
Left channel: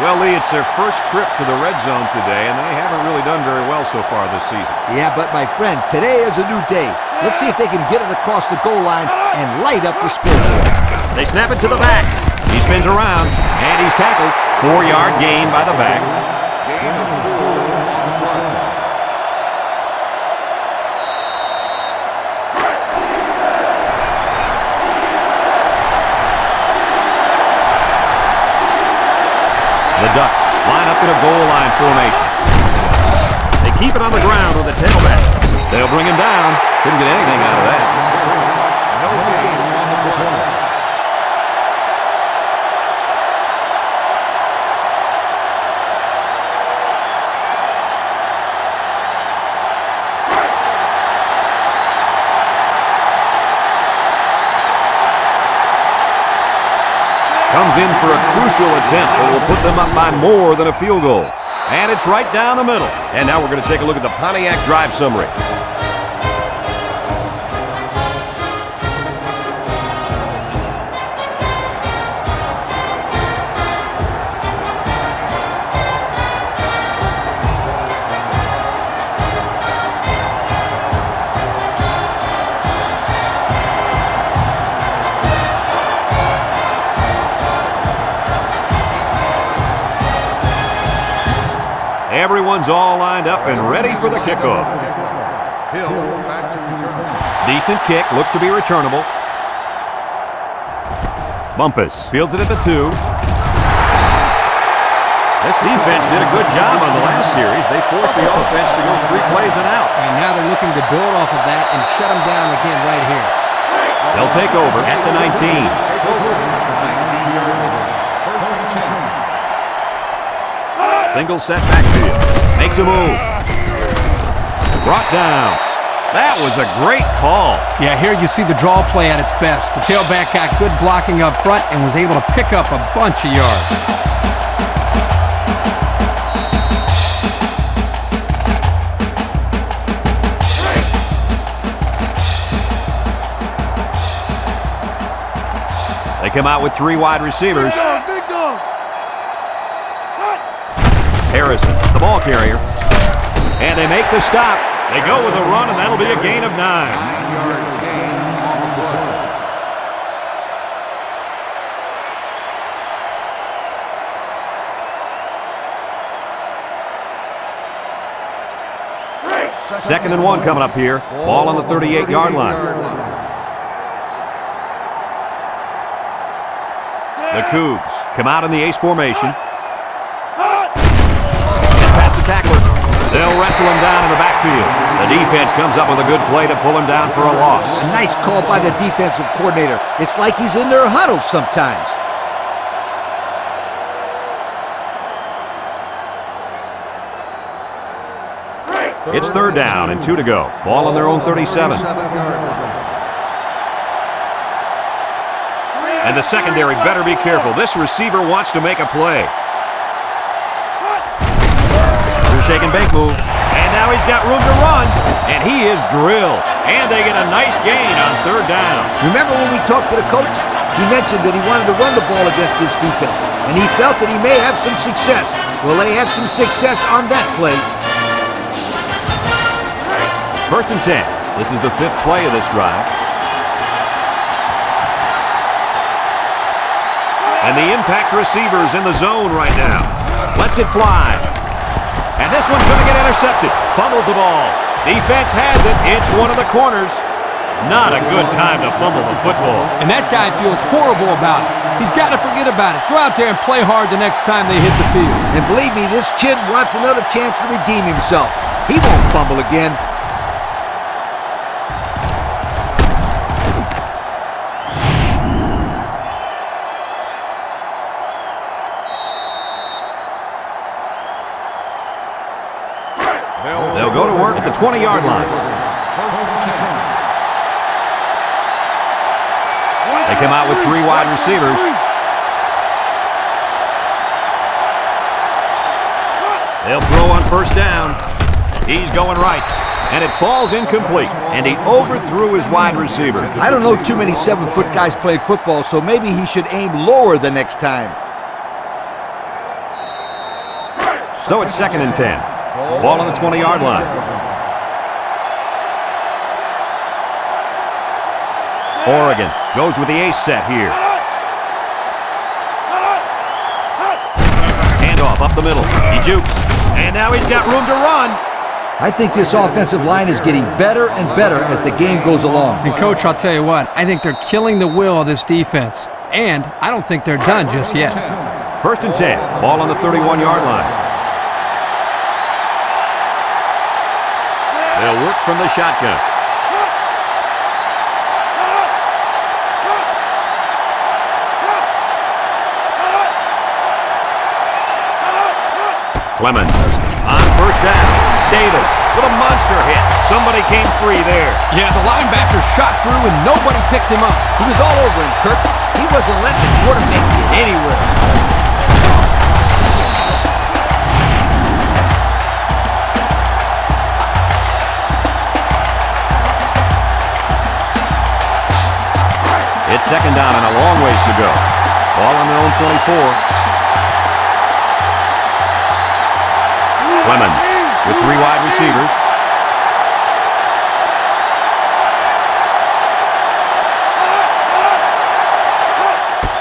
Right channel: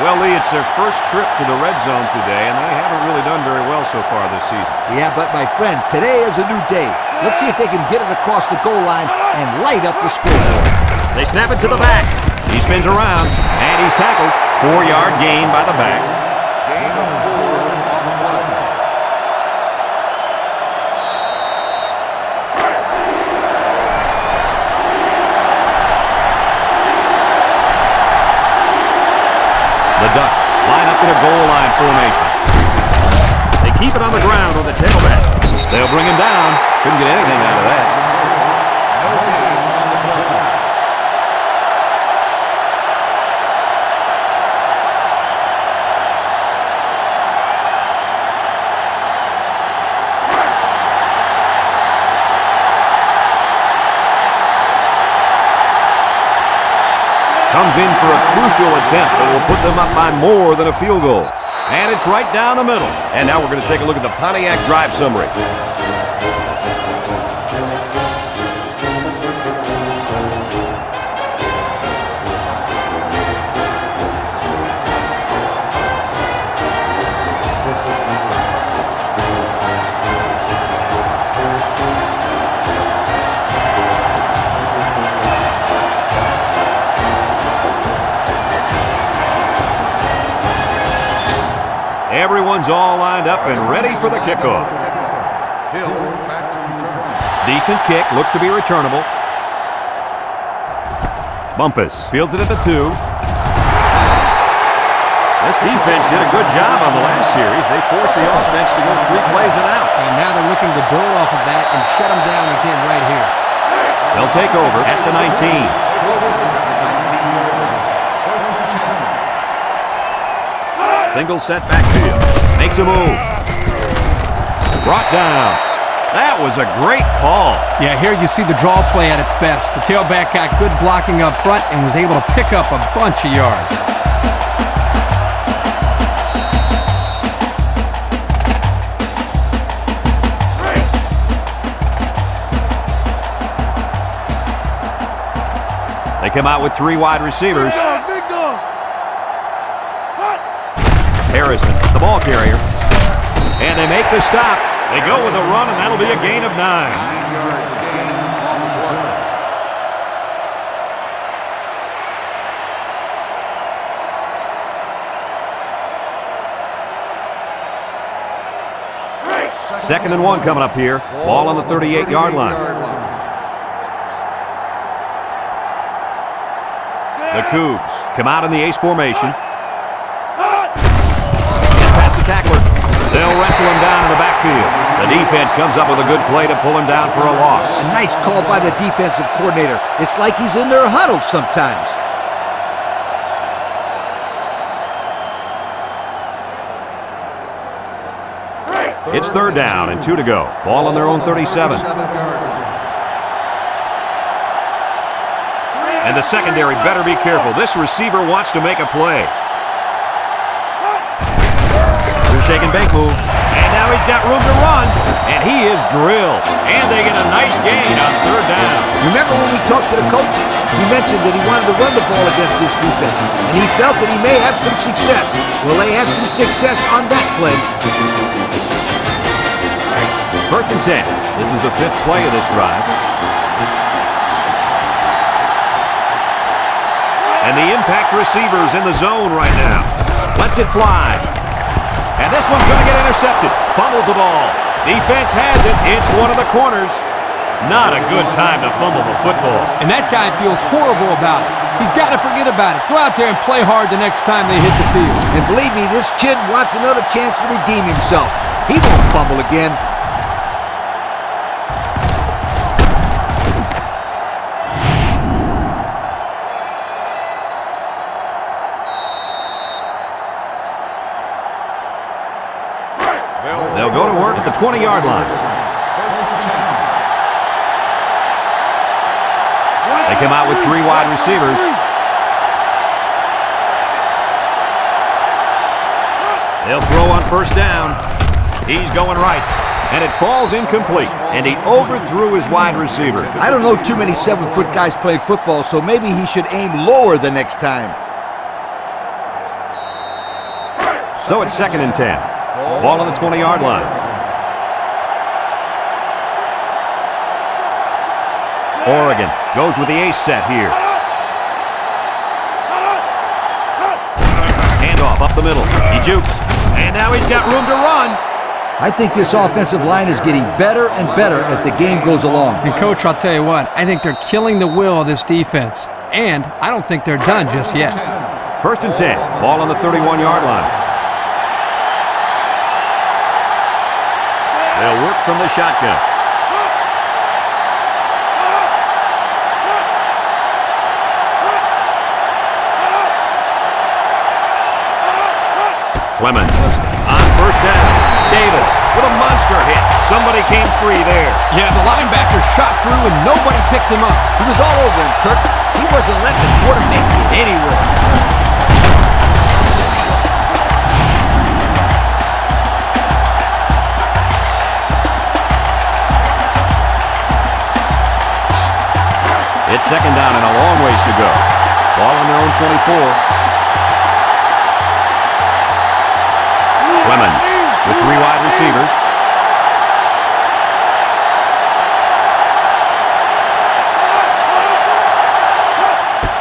Well, Lee, it's their first trip to the red zone today, and they haven't really done very well so far this season. Yeah, but my friend, today is a new day. Let's see if they can get it across the goal line and light up the scoreboard. They snap it to the back. He spins around, and he's tackled. 4-yard gain by the back. Gain of 4 on the play. The Ducks line up in a goal line formation. They keep it on the ground with the tailback. They'll bring him down. Couldn't get anything out of that. No gain on the play. Comes in for a crucial attempt that will put them up by more than a field goal. And it's right down the middle. And now we're going to take a look at the Pontiac drive summary. Everyone's all lined up and ready for the kickoff. Hill back to return. Decent kick, looks to be returnable. Bumpus fields it at the 2. This defense did a good job on the last series. They forced the offense to go 3 plays and out. And now they're looking to build off of that and shut them down again right here. They'll take over at the 19. Take over at the 19-yard line. First and 10. Single set backfield. Makes a move. Brought down. That was a great call. Yeah, here you see the draw play at its best. The tailback got good blocking up front and was able to pick up a bunch of yards. They come out with 3 wide receivers. Big dog. Harrison, the ball carrier. And they make the stop. They go with a run, and that'll be a gain of 9. 9-yard gain on the play. Second and 1 coming up here. Ball on the 38-yard line. The Cougs come out in the ace formation. Past the tackler. They'll wrestle him down in the backfield. The defense comes up with a good play to pull him down for a loss. A nice call by the defensive coordinator. It's like he's in their huddle sometimes. It's 3rd down and 2 to go. Ball on their own 37. 37-yard line. And the secondary better be careful. This receiver wants to make a play. Shake and bake move. And now he's got room to run. And he is drilled. And they get a nice gain on 3rd down. Remember when we talked to the coach? He mentioned that he wanted to run the ball against this defense. And he felt that he may have some success. Well, they had some success on that play. 1st and 10. This is the 5th play of this drive. And the impact receiver's in the zone right now. Lets it fly. And this one's going to get intercepted. Fumbles the ball. Defense has it. It's one of the corners. Not a good time to fumble the football. And that guy feels horrible about it. He's got to forget about it. Go out there and play hard the next time they hit the field. And believe me, this kid wants another chance to redeem himself. He won't fumble again. They'll go to work at the 20-yard line. 1st and 10. They come out with 3 wide receivers. They'll throw on first down. He's going right. And it falls incomplete. And he overthrew his wide receiver. I don't know too many 7-foot guys playing football, so maybe he should aim lower the next time. So it's 2nd and 10. Ball on the 20-yard line. Oregon goes with the ace set here. Handoff up the middle. He jukes. And now he's got room to run. I think this offensive line is getting better and better as the game goes along. And, Coach, I'll tell you what, I think they're killing the will of this defense. And I don't think they're done just yet. 1st and 10. Ball on the 31-yard line. They'll work from the shotgun. Clemens on first down. Davis with a monster hit. Somebody came free there. Yeah, the linebacker shot through and nobody picked him up. He was all over him, Kirk. He wasn't letting the quarterback get anywhere. It's 2nd down and a long ways to go. Ball on their own 24. Clemens with 3 wide receivers.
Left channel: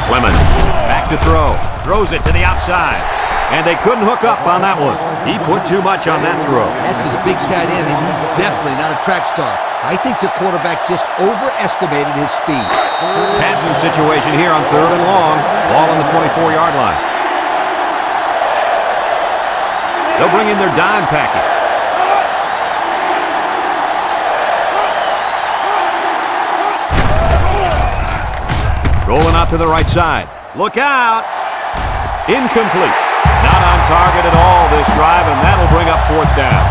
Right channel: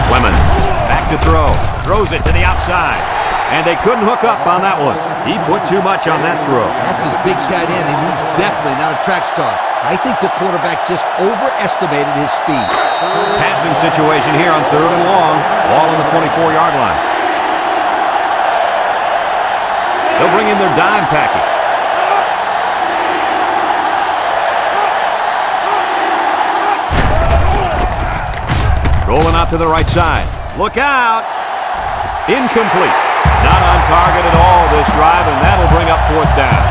Clemens back to throw. Throws it to the outside. And they couldn't hook up on that one. He put too much on that throw. That's his big tight end, and he's definitely not a track star. I think the quarterback just overestimated his speed. Passing situation here on 3rd and long. Ball on the 24-yard line. They'll bring in their dime package. Rolling out to the right side. Look out! Incomplete. Not on target at all this drive, and that'll bring up 4th down.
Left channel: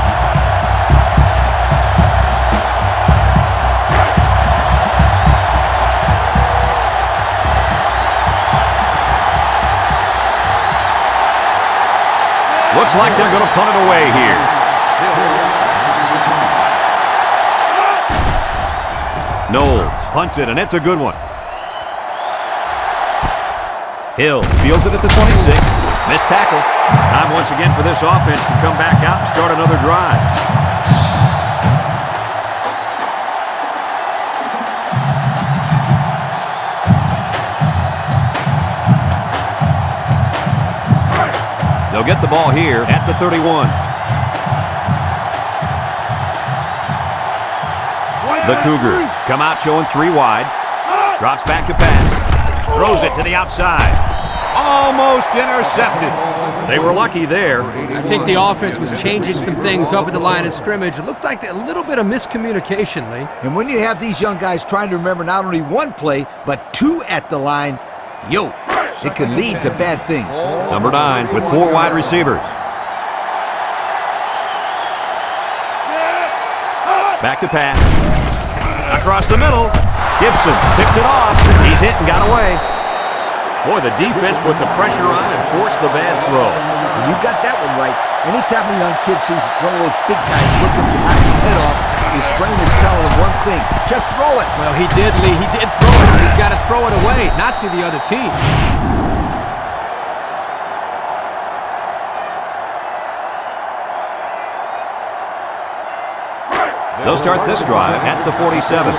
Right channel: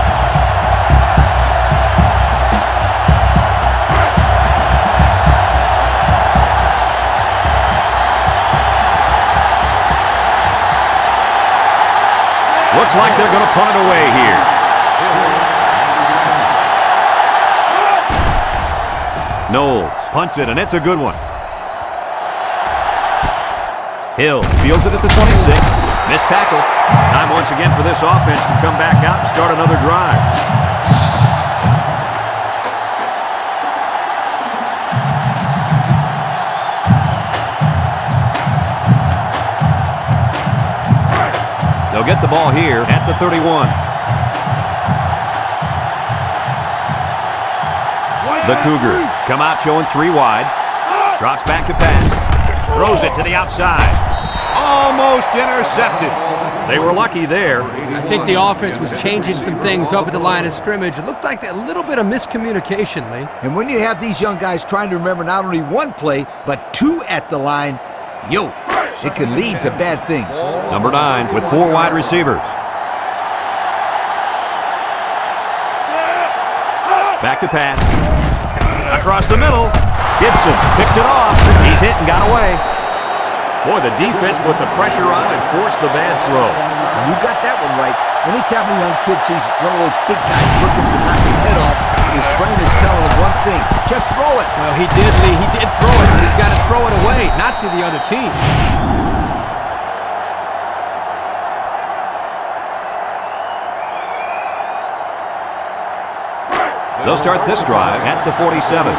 Looks like they're going to punt it away here. Knowles punts it, and it's a good one. Hill fields it at the 26. Missed tackle. Time once again for this offense to come back out and start another drive. They'll get the ball here at the 31. The Cougars come out showing 3 wide. Drops back to pass. Throws it to the outside. Almost intercepted. They were lucky there. I think the offense was changing some things up at the line of scrimmage. It looked like a little bit of miscommunication, Lee. And when you have these young guys trying to remember not only 1 play, but 2 at the line, it can lead to bad things. Number 9 with 4 wide receivers. Back to pass. Across the middle. Gibson picks it off. He's hit and got away. Boy, the defense put the pressure on and forced the bad throw. And you got that one right. Anytime a young kid sees one of those big guys looking to knock his head off, his brain is telling him one thing: just throw it. Well, he did, Lee. He did throw it, but he's got to throw it away, not to the other team. They'll start this drive at the 47.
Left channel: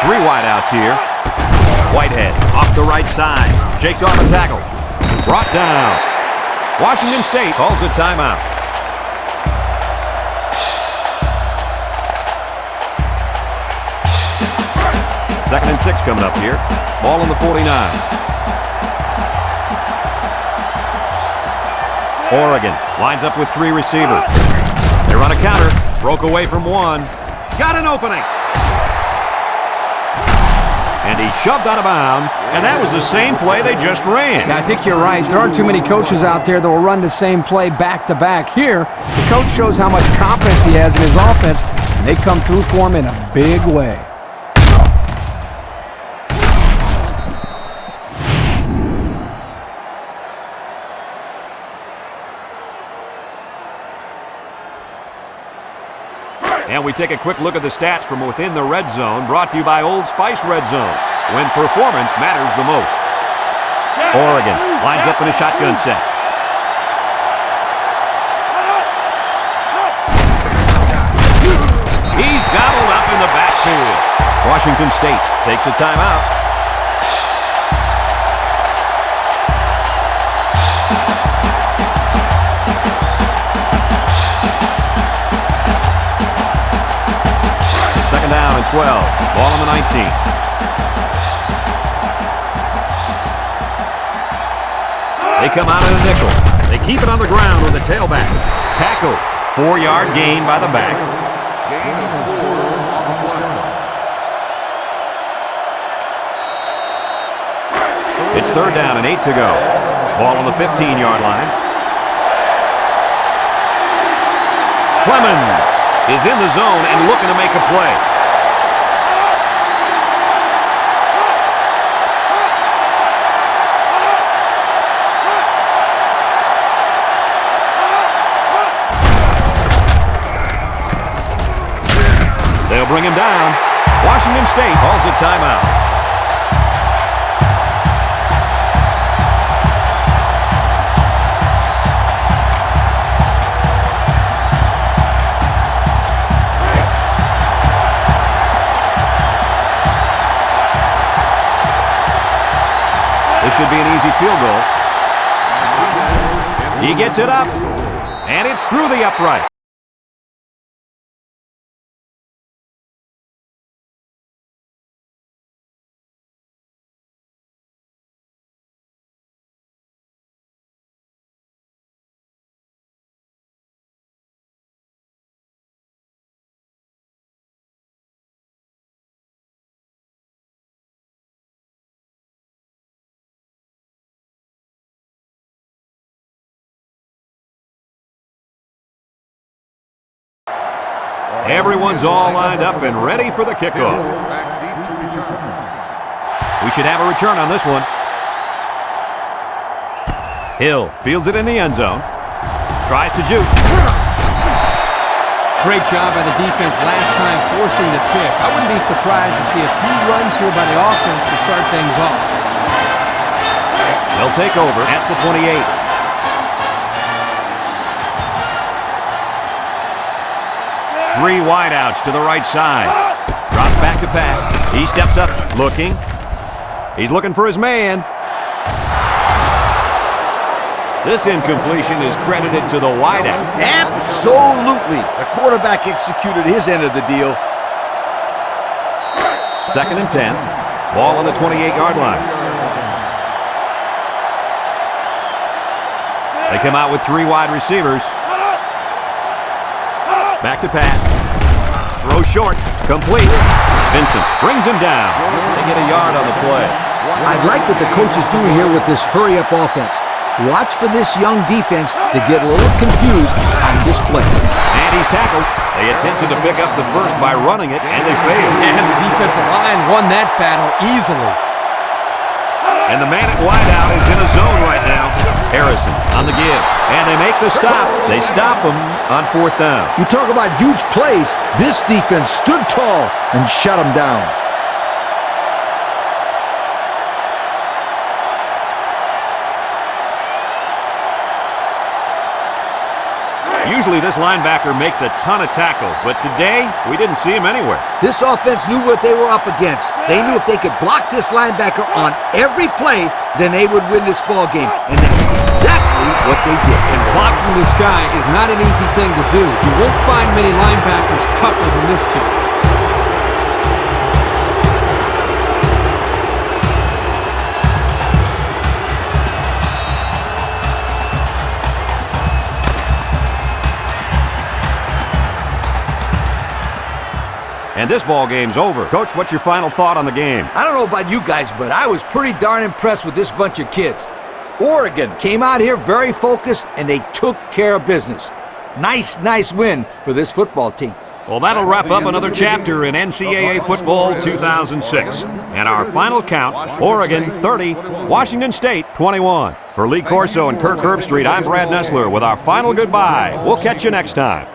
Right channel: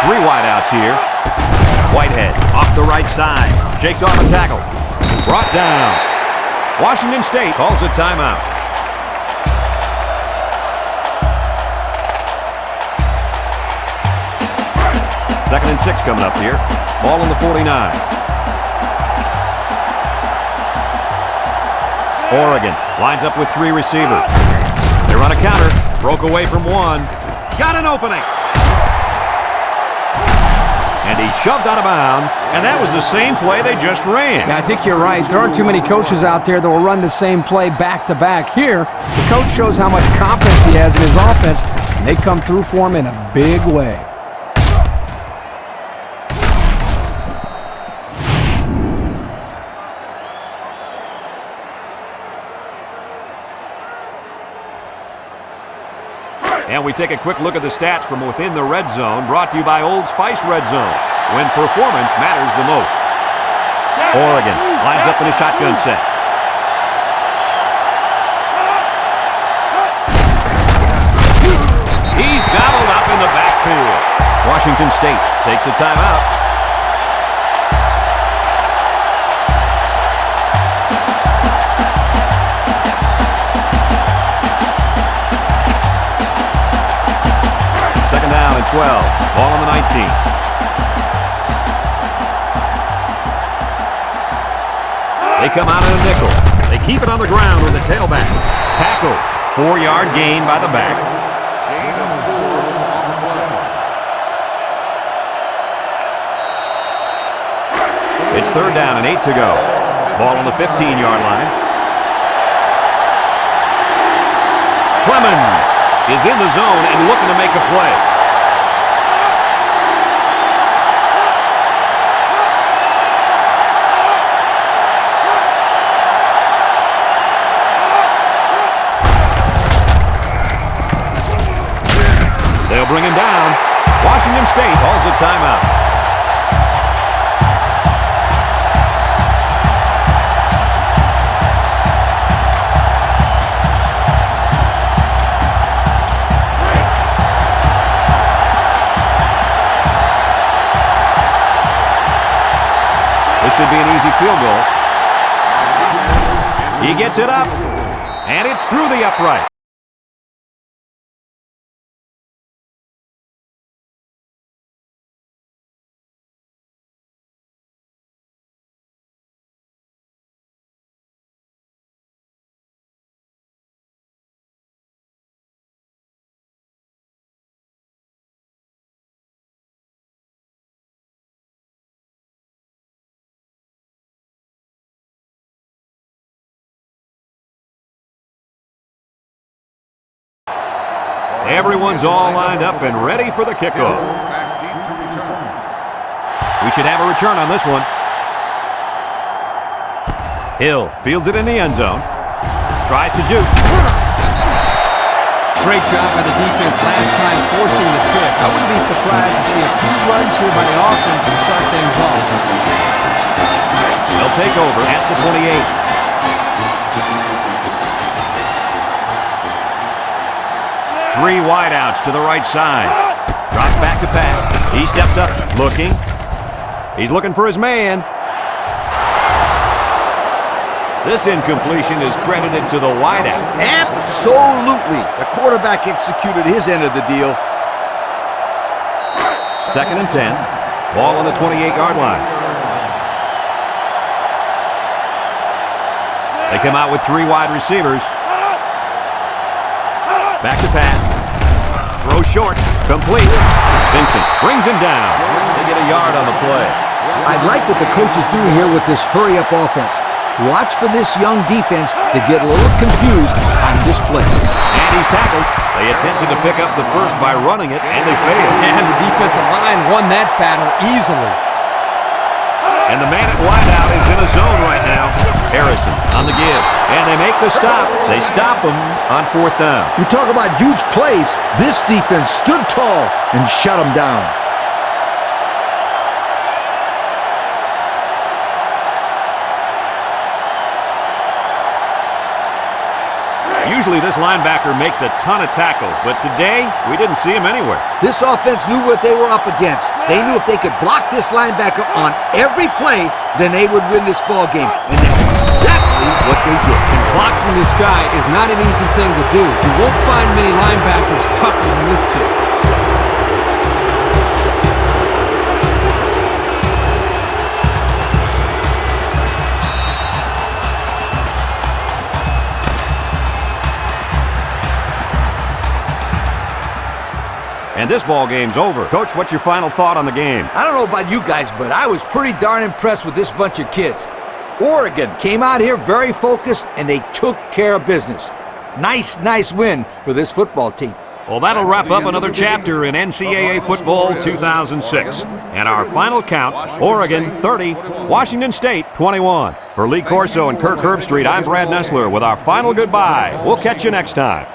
Three wideouts here. Whitehead off the right side. Shakes off a tackle. Brought down. Washington State calls a timeout. Second and 6 coming up here. Ball on the 49. Oregon lines up with 3 receivers. They run a counter. Broke away from 1. Got an opening. And he shoved out of bounds, and that was the same play they just ran. Yeah, I think you're right. There aren't too many coaches out there that will run the same play back-to-back. Here, the coach shows how much confidence he has in his offense, and they come through for him in a big way. And we take a quick look at the stats from within the red zone, brought to you by Old Spice Red Zone, when performance matters the most. Oregon lines up in a shotgun set. He's gobbled up in the backfield. Washington State takes a timeout. Second down and 12. Ball on the 19. They come out in a nickel. They keep it on the ground with the tailback. Tackle. 4-yard gain by the back. Gain of 4 on the play. It's third down and 8 to go. Ball on the 15-yard line. Clemens is in the zone and looking to make a play. They'll bring him down. Washington State calls a timeout. This should be an easy field goal. He gets it up, and it's through the upright. Everyone's all lined up and ready for the kickoff. Back deep to return. We should have a return on this one. Hill fields it in the end zone. Tries to juke. Great job by the defense last time forcing the pick. I wouldn't be surprised to see a few runs here by the offense to start things off. They'll take over at the 28. Three wideouts to the right side. Drops back to pass. He steps up, looking. He's looking for his man. This incompletion is credited to the wideout. Absolutely. The quarterback executed his end of the deal. Second and 10. Ball on the 28-yard line. They come out with 3 wide receivers. Back to pass. Throw short. Complete. Vincent brings him down. They get a yard on the play. I like what the coach is doing here with this hurry-up offense. Watch for this young defense to get a little confused on this play. And he's tackled. They attempted to pick up the first by running it, and they failed. And the defensive line won that battle easily. And the man at wideout is in a zone right now. Harrison on the give. And they make the stop. They stop him on 4th down. You talk about huge plays. This defense stood tall and shut them down. Usually this linebacker makes a ton of tackles, but today we didn't see him anywhere. This offense knew what they were up against. They knew if they could block this linebacker on every play, then they would win this ball game. And that's exactly what they did. And blocking this guy is not an easy thing to do. You won't find many linebackers tougher than this kid. And this ball game's over. Coach, what's your final thought on the game? I don't know about you guys, but I was pretty darn impressed with this bunch of kids. Oregon came out here very focused, and they took care of business. Nice win for this football team. Well, that'll wrap up another chapter in NCAA Football 2006. And our final count, Oregon 30, Washington State 21. For Lee Corso and Kirk Herbstreit, I'm Brad Nessler with our final goodbye. We'll catch you next time.